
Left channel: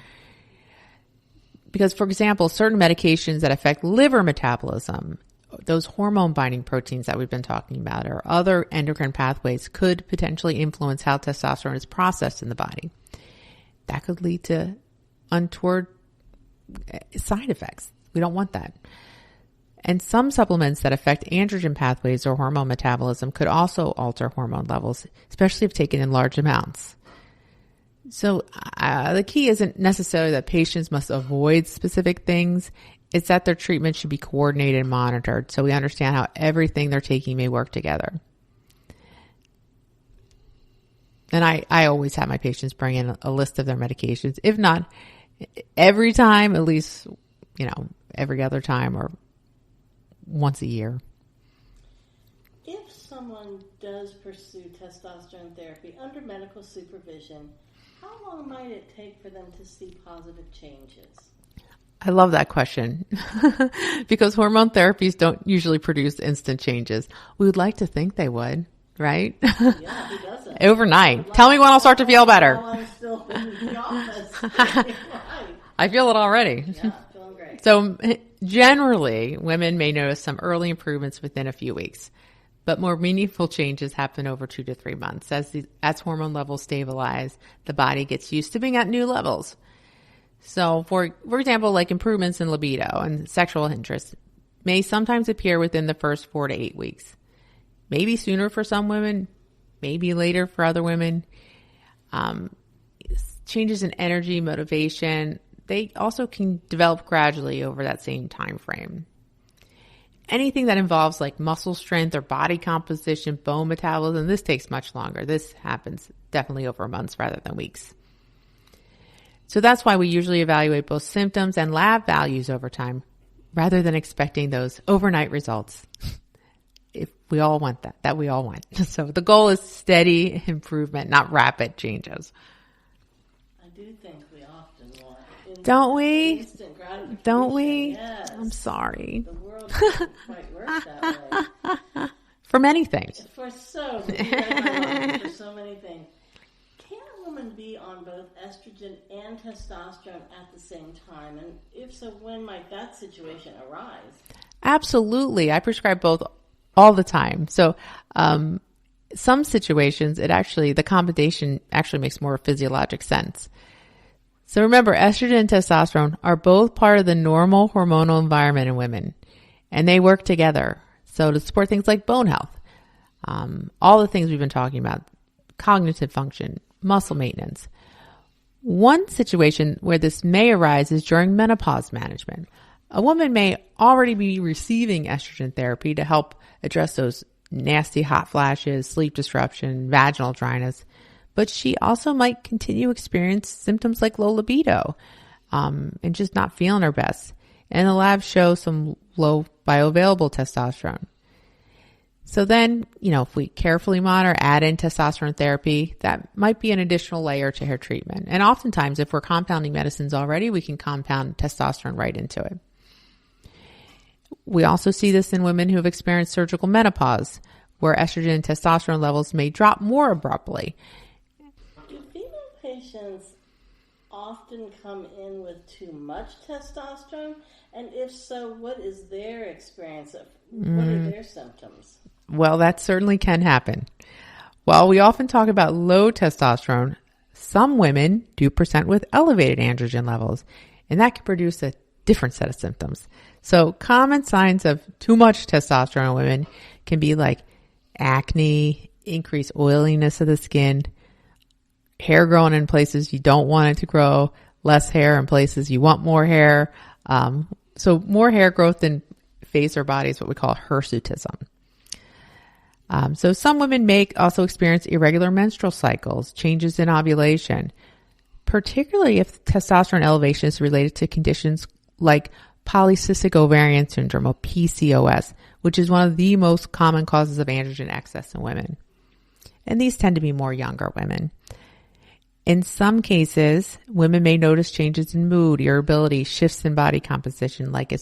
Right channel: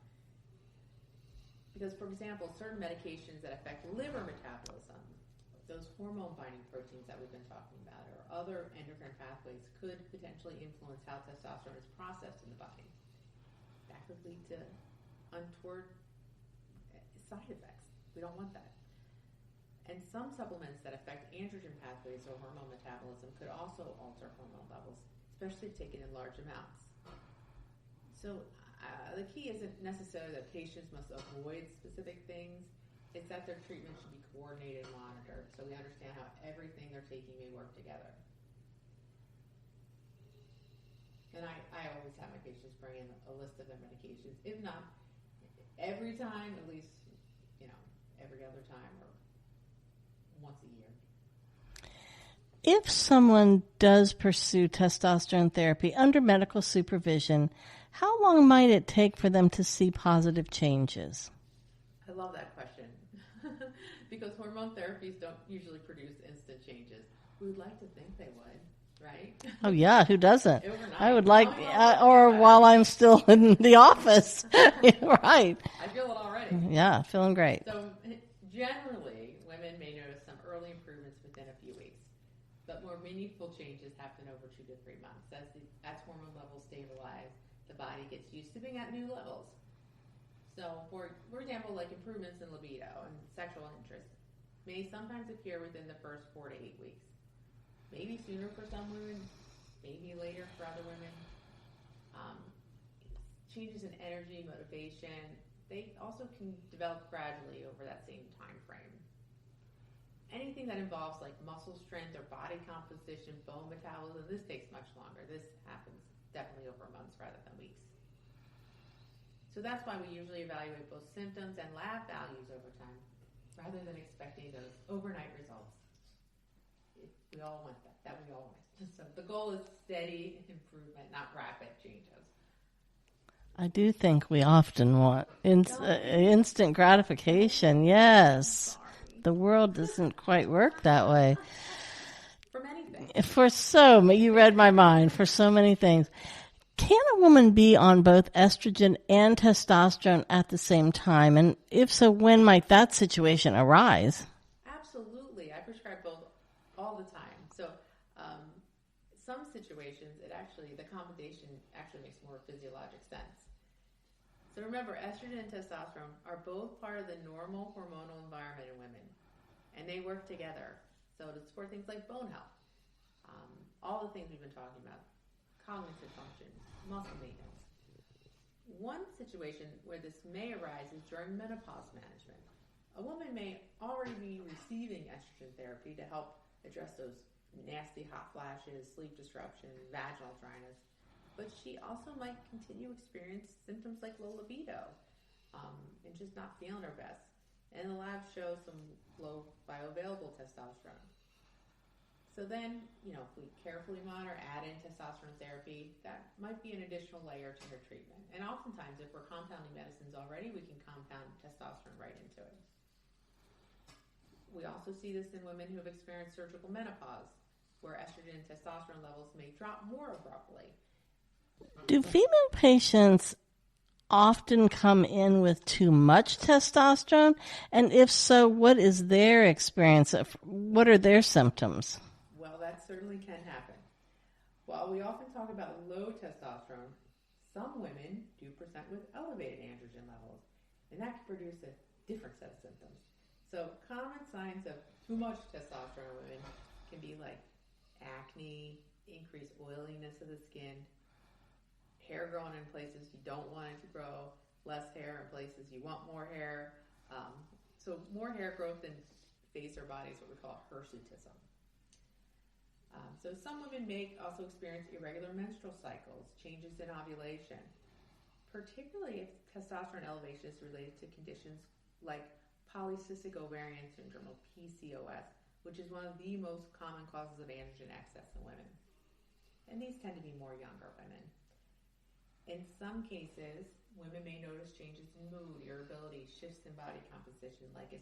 Because, for example, certain medications that affect liver metabolism, those hormone binding proteins that we've been talking about, or other endocrine pathways could potentially influence how testosterone is processed in the body. That could lead to untoward side effects. We don't want that. And some supplements that affect androgen pathways or hormone metabolism could also alter hormone levels, especially if taken in large amounts. So the key isn't necessarily that patients must avoid specific things. It's that their treatment should be coordinated and monitored so we understand how everything they're taking may work together. And I always have my patients bring in a list of their medications. If not every time, at least every other time or once a year. If someone does pursue testosterone therapy under medical supervision, how long might it take for them to see positive changes? I love that question because hormone therapies don't usually produce instant changes. We would like to think they would, right? Oh, yeah. Who doesn't? Overnight. Tell me when I'll start to feel better. While I'm still in the office. Right. I feel it already. Yeah, feeling great. So generally, women may notice some early improvements within a few weeks. But more meaningful changes happen over 2 to 3 months. As hormone levels stabilize, the body gets used to being at new levels. So, for example, like improvements in libido and sexual interest may sometimes appear within the first 4 to 8 weeks. Maybe sooner for some women, maybe later for other women. Changes in energy, motivation, they also can develop gradually over that same time frame. Anything that involves like muscle strength or body composition, bone metabolism, this takes much longer. This happens definitely over months rather than weeks. So that's why we usually evaluate both symptoms and lab values over time rather than expecting those overnight results. If we all want that we all want. So the goal is steady improvement, not rapid changes. I do think we often want instant gratification. Don't we? Yes. I'm sorry. The world doesn't quite work that way. For many things. You read my mind, for so many things. Can a woman be on both estrogen and testosterone at the same time? And if so, when might that situation arise? Absolutely. I prescribe both all the time. So, some situations, the combination actually makes more physiologic sense. So remember, estrogen and testosterone are both part of the normal hormonal environment in women, and they work together. So to support things like bone health, all the things we've been talking about, cognitive function, muscle maintenance. One situation where this may arise is during menopause management. A woman may already be receiving estrogen therapy to help address those nasty hot flashes, sleep disruption, vaginal dryness, but she also might continue to experience symptoms like low libido and just not feeling her best. And the labs show some low bioavailable testosterone. So then, if we carefully monitor, add in testosterone therapy, that might be an additional layer to her treatment. And oftentimes, if we're compounding medicines already, we can compound testosterone right into it. We also see this in women who have experienced surgical menopause, where estrogen and testosterone levels may drop more abruptly. Do female patients often come in with too much testosterone? And if so, what is their experience? What are their symptoms? Well, that certainly can happen. While we often talk about low testosterone, some women do present with elevated androgen levels, and that can produce a different set of symptoms. So common signs of too much testosterone in women can be like acne, increased oiliness of the skin, hair growing in places you don't want it to grow, less hair in places you want more hair. So more hair growth in face or body is what we call hirsutism. So some women may also experience irregular menstrual cycles, changes in ovulation, particularly if testosterone elevation is related to conditions like polycystic ovarian syndrome, or PCOS, which is one of the most common causes of androgen excess in women. And these tend to be more younger women. In some cases, women may notice changes in mood, irritability, shifts in body composition, like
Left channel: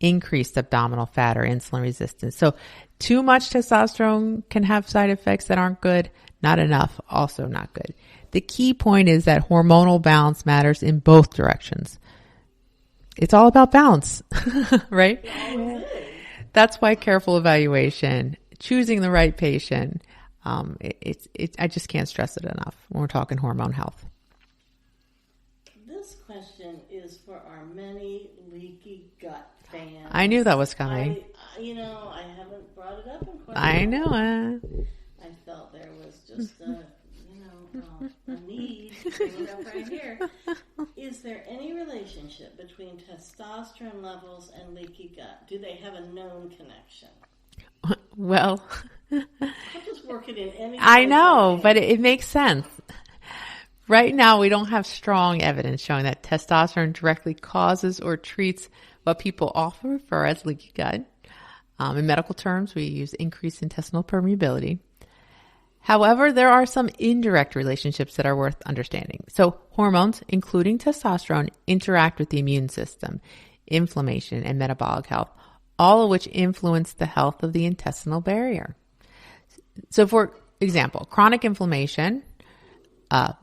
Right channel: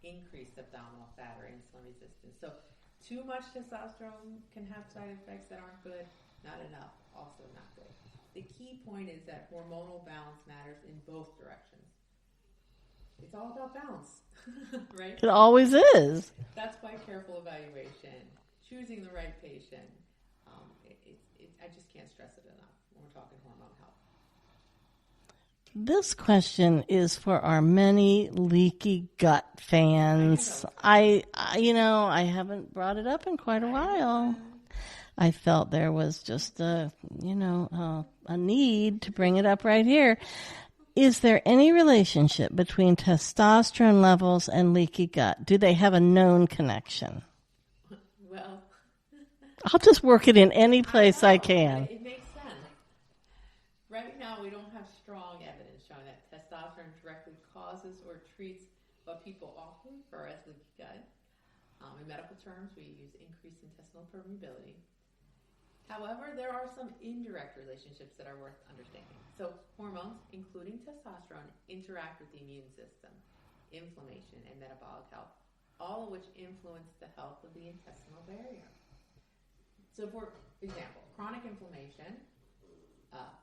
increased abdominal fat or insulin resistance. So too much testosterone can have side effects that aren't good. Not enough, also not good. The key point is that hormonal balance matters in both directions. It's all about balance, right? It always is. That's why careful evaluation, choosing the right patient, I just can't stress it enough when we're talking hormone health. This question is for our many leaky gut fans. I knew that was coming. I haven't brought it up in quite a while. I know it. I felt there was just a need to bring it up right here. Is there any relationship between testosterone levels and leaky gut? Do they have a known connection? Well, I'll just work it in any place I can. But it makes sense. Right now, we don't have strong evidence showing that testosterone directly causes or treats what people often refer as leaky gut. In medical terms, we use increased intestinal permeability. However, there are some indirect relationships that are worth understanding. So hormones, including testosterone, interact with the immune system, inflammation, and metabolic health, all of which influence the health of the intestinal barrier. So for example, chronic inflammation,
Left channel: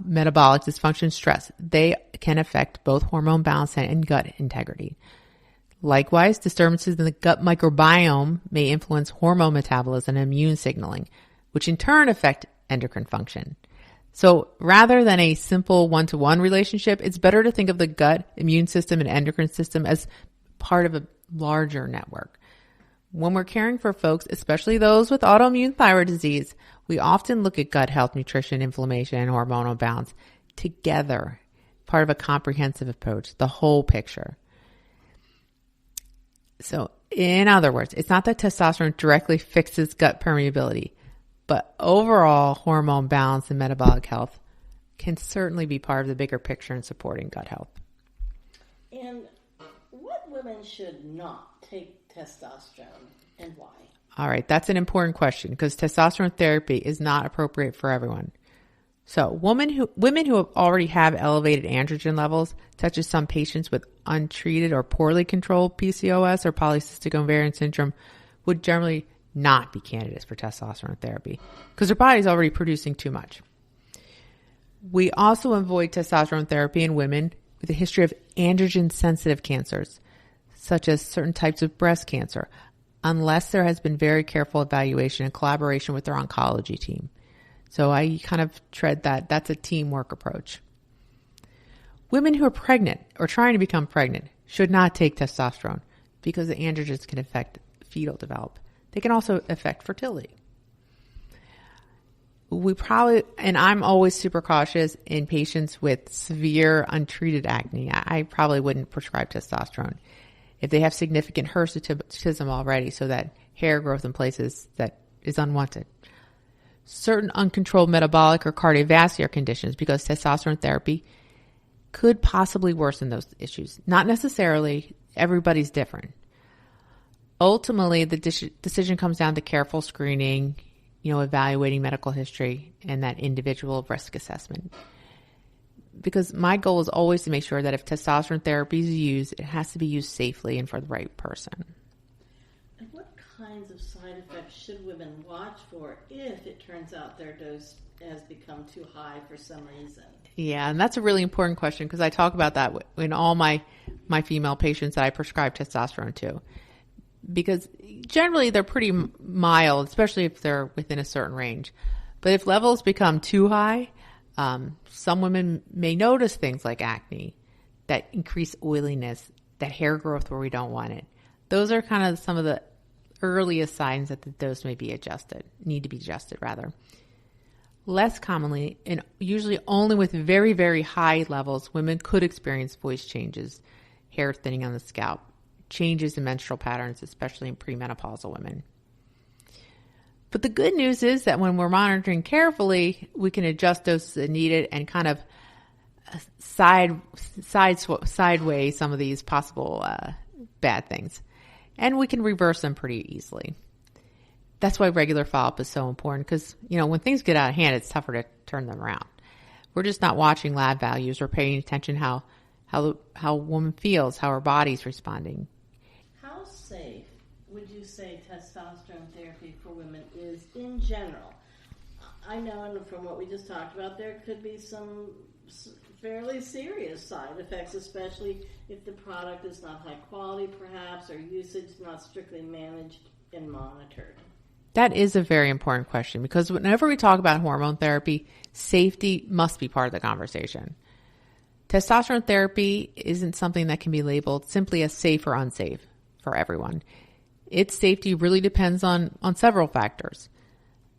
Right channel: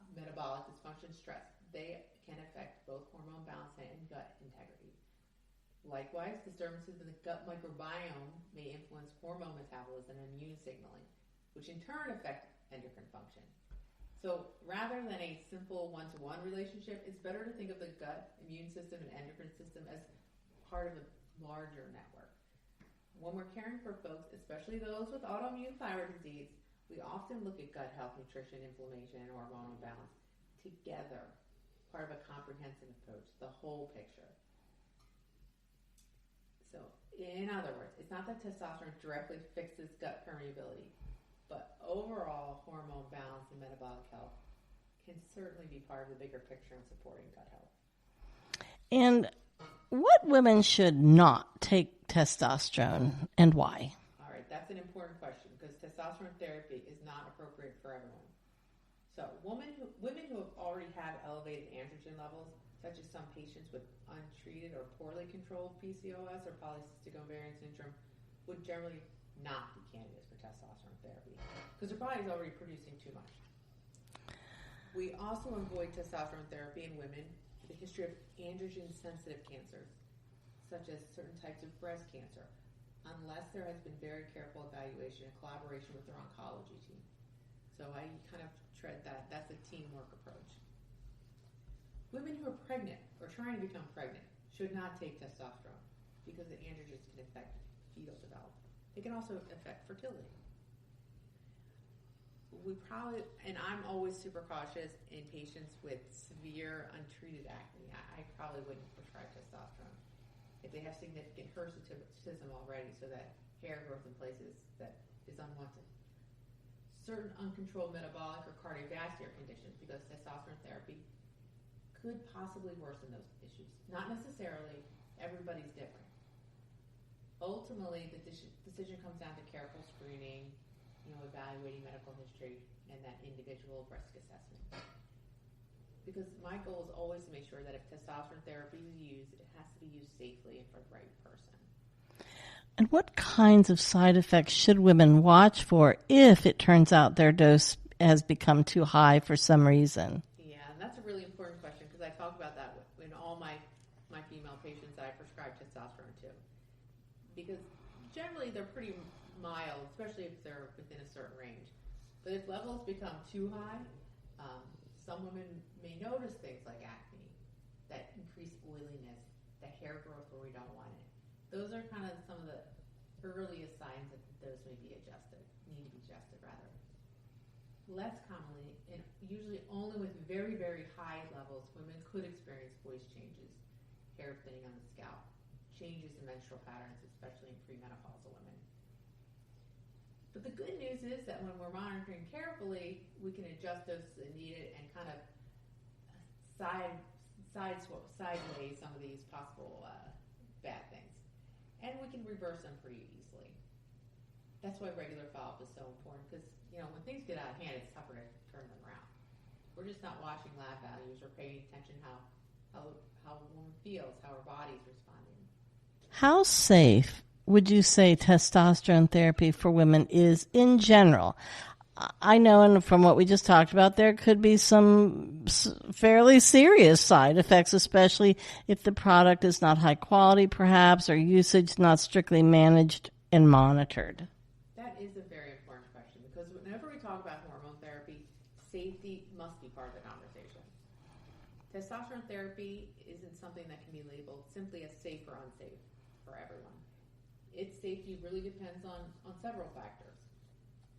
metabolic dysfunction, stress, they can affect both hormone balance and gut integrity. Likewise, disturbances in the gut microbiome may influence hormone metabolism and immune signaling, which in turn affect endocrine function. So rather than a simple one-to-one relationship, it's better to think of the gut, immune system, and endocrine system as part of a larger network. When we're caring for folks, especially those with autoimmune thyroid disease, we often look at gut health, nutrition, inflammation, and hormonal balance together, part of a comprehensive approach, the whole picture. So in other words, it's not that testosterone directly fixes gut permeability, but overall hormone balance and metabolic health can certainly be part of the bigger picture in supporting gut health. And what women should not take testosterone and why? All right, that's an important question because testosterone therapy is not appropriate for everyone. So women who already have elevated androgen levels, such as some patients with untreated or poorly controlled PCOS or polycystic ovarian syndrome, would generally not be candidates for testosterone therapy because their body's already producing too much. We also avoid testosterone therapy in women with a history of androgen-sensitive cancers, such as certain types of breast cancer, unless there has been very careful evaluation and collaboration with their oncology team. So I kind of tread that. That's a teamwork approach. Women who are pregnant or trying to become pregnant should not take testosterone because the androgens can affect fetal development. They can also affect fertility. And I'm always super cautious in patients with severe untreated acne. I probably wouldn't prescribe testosterone if they have significant hirsutism already, so that hair growth in places that is unwanted. Certain uncontrolled metabolic or cardiovascular conditions, because testosterone therapy could possibly worsen those issues. Not necessarily. Everybody's different. Ultimately, the decision comes down to careful screening, evaluating medical history, and that individual risk assessment. Because my goal is always to make sure that if testosterone therapy is used, it has to be used safely and for the right person. And what kinds of side effects should women watch for if it turns out their dose has become too high for some reason? Yeah, and that's a really important question because I talk about that in all my female patients that I prescribe testosterone to. Because generally they're pretty mild, especially if they're within a certain range. But if levels become too high, some women may notice things like acne, that increased oiliness, that hair growth where we don't want it. Those are kind of some of the earliest signs that the dose may be need to be adjusted rather. Less commonly, and usually only with very, very high levels, women could experience voice changes, hair thinning on the scalp, changes in menstrual patterns, especially in premenopausal women. But the good news is that when we're monitoring carefully, we can adjust doses as needed and kind of sideways some of these possible bad things. And we can reverse them pretty easily. That's why regular follow-up is so important because, when things get out of hand, it's tougher to turn them around. We're just not watching lab values or paying attention how a woman feels, how her body's responding. How safe would you say testosterone therapy for women is in general? I know, and from what we just talked about, there could be some fairly serious side effects, especially if the product is not high quality, perhaps, or usage not strictly managed and monitored. That is a very important question because whenever we talk about hormone therapy, safety must be part of the conversation. Testosterone therapy isn't something that can be labeled simply as safe or unsafe for everyone. Its safety really depends on several factors.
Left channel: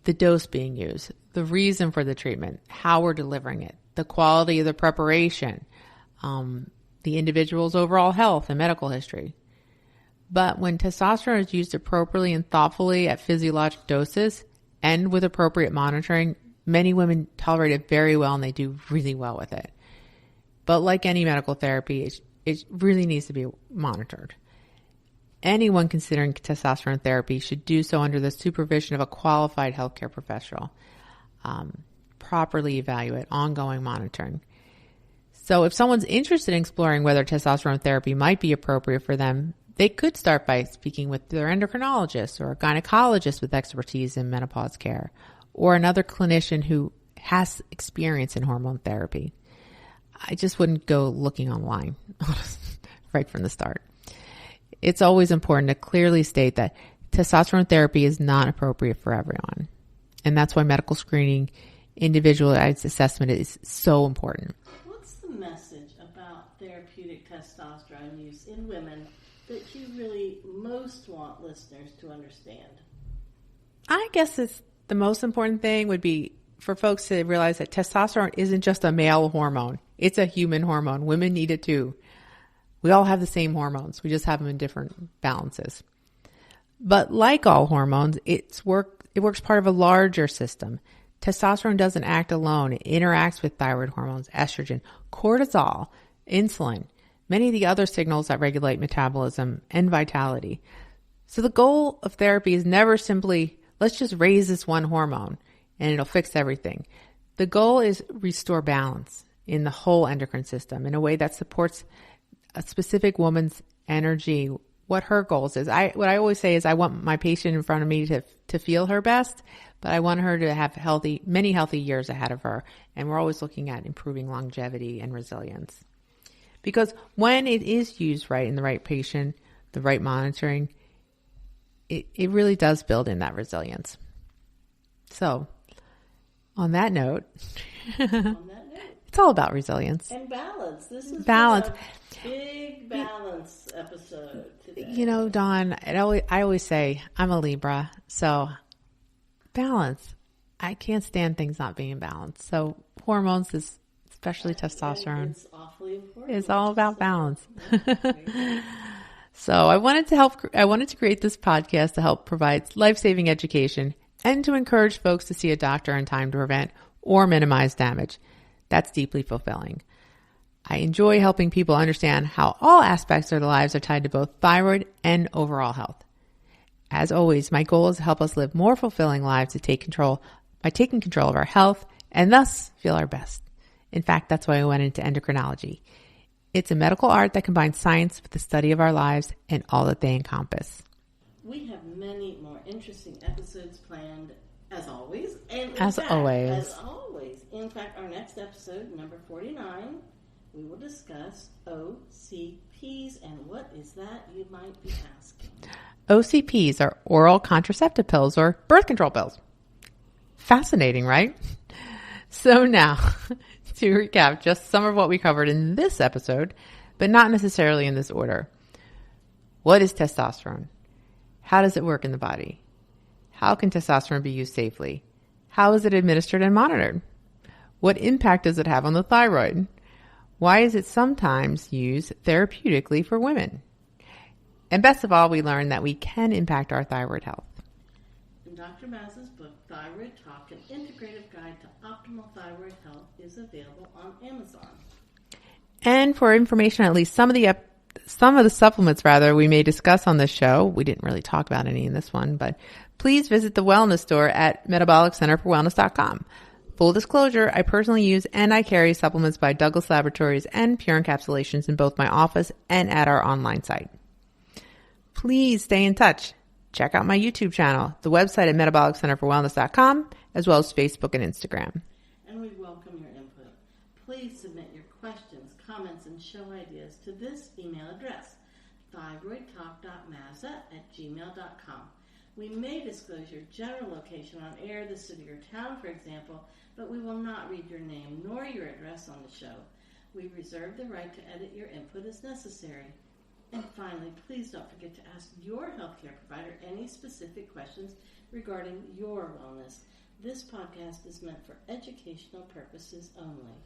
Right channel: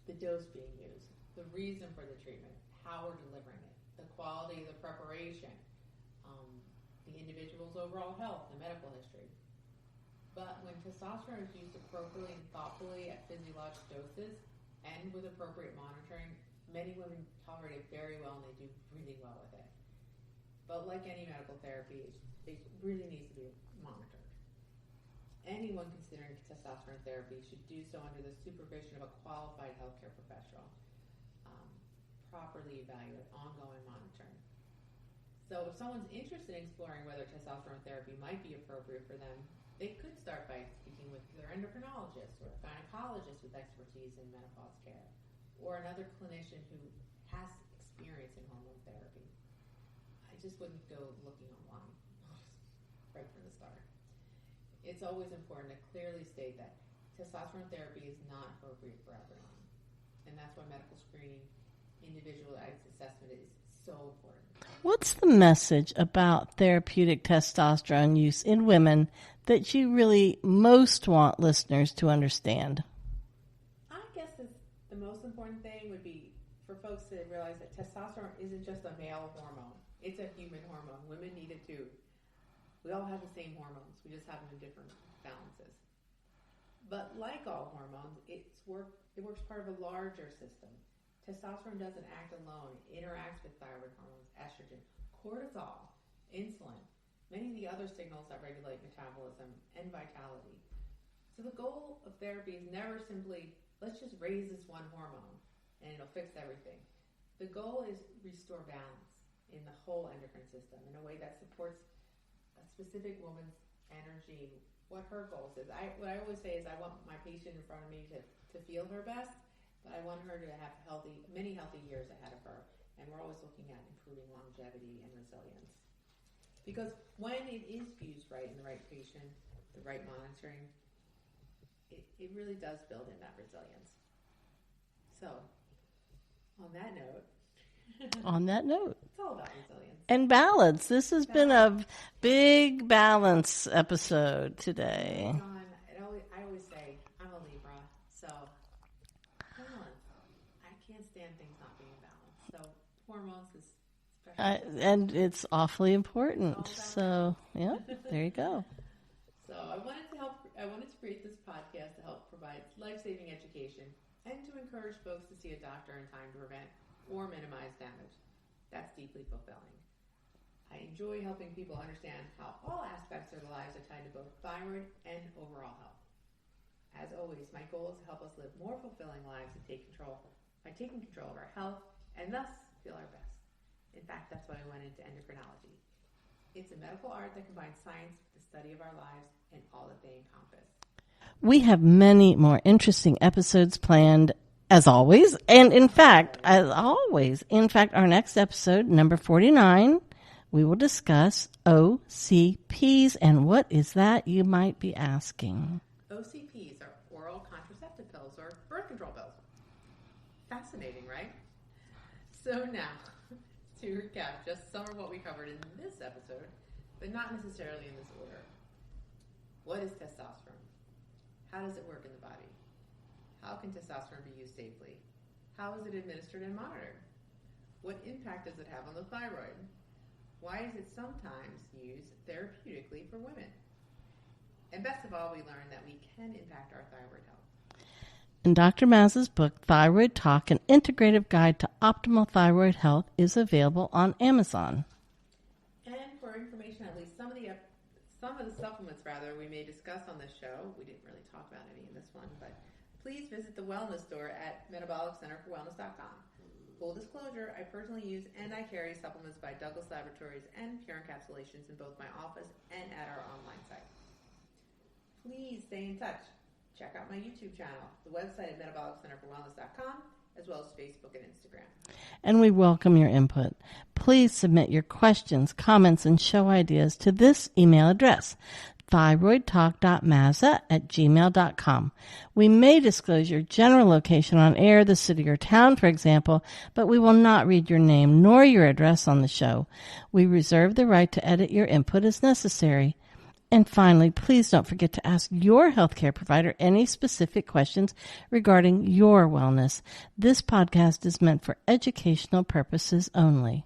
The dose being used, the reason for the treatment, how we're delivering it, the quality of the preparation, the individual's overall health and medical history. But when testosterone is used appropriately and thoughtfully at physiologic doses and with appropriate monitoring, Many women tolerate it very well and they do really well with it. But like any medical therapy, it really needs to be monitored. Anyone considering testosterone therapy should do so under the supervision of a qualified healthcare professional. Properly evaluate, ongoing monitoring. So if someone's interested in exploring whether testosterone therapy might be appropriate for them, they could start by speaking with their endocrinologist or a gynecologist with expertise in menopause care, or another clinician who has experience in hormone therapy. I just wouldn't go looking online right from the start. It's always important to clearly state that testosterone therapy is not appropriate for everyone. And that's why medical screening, individualized assessment is so important. What's the message about therapeutic testosterone use in women that you really most want listeners to understand? I guess the most important thing would be for folks to realize that testosterone isn't just a male hormone. It's a human hormone. Women need it too. We all have the same hormones. We just have them in different balances. But like all hormones, it works part of a larger system. Testosterone doesn't act alone. It interacts with thyroid hormones, estrogen, cortisol, insulin, many of the other signals that regulate metabolism and vitality. So the goal of therapy is never simply, let's just raise this one hormone and it'll fix everything. The goal is restore balance in the whole endocrine system in a way that supports a specific woman's energy, what her goals is. What I always say is I want my patient in front of me to feel her best, but I want her to have many healthy years ahead of her. And we're always looking at improving longevity and resilience. Because when it is used right in the right patient, the right monitoring, it really does build in that resilience. So on that note, it's all about resilience. And balance. This has been a big balance episode today. You know, Dawn, I always say I'm a Libra, so balance. I can't stand things not being balanced. So hormones is especially testosterone. And it's awfully important. It's all about balance. Yeah, there you go. So I wanted to create this podcast to help provide life-saving education and to encourage folks to see a doctor in time to prevent or minimize damage. That's deeply fulfilling. I enjoy helping people understand how all aspects of their lives are tied to both thyroid and overall health. As always, my goal is to help us live more fulfilling lives by taking control of our health and thus feel our best. In fact, that's why I went into endocrinology. It's a medical art that combines science with the study of our lives and all that they encompass. We have many more interesting episodes planned, as always. And in fact, our next episode, number 49, we will discuss OCPs. And what is that, you might be asking? OCPs are oral contraceptive pills or birth control pills. Fascinating, right? So now, to recap just some of what we covered in this episode, but not necessarily in this order. What is testosterone? How does it work in the body? How can testosterone be used safely? How is it administered and monitored? What impact does it have on the thyroid? Why is it sometimes used therapeutically for women? And best of all, we learned that we can impact our thyroid health. And Dr. Mazza's book, Thyroid Talk, An Integrative Guide to Optimal Thyroid Health, is available on Amazon. And for information, at least some of the supplements we may discuss on this show, we didn't really talk about any in this one, but please visit the wellness store at metabolic-centerforwellness.com. Full disclosure, I personally use and I carry supplements by Douglas Laboratories and Pure Encapsulations in both my office and at our online site. Please stay in touch. Check out my YouTube channel, the website at metabolic-centerforwellness.com, as well as Facebook and Instagram. And we welcome your input. Please submit your questions, comments, and show ideas to this email address, thyroidtalk.mazza@gmail.com. We may disclose your general location on air, the city or town, for example, but we will not read your name nor your address on the show. We reserve the right to edit your input as necessary. And finally, please don't forget to ask your healthcare provider any specific questions regarding your wellness. This podcast is meant for educational purposes only.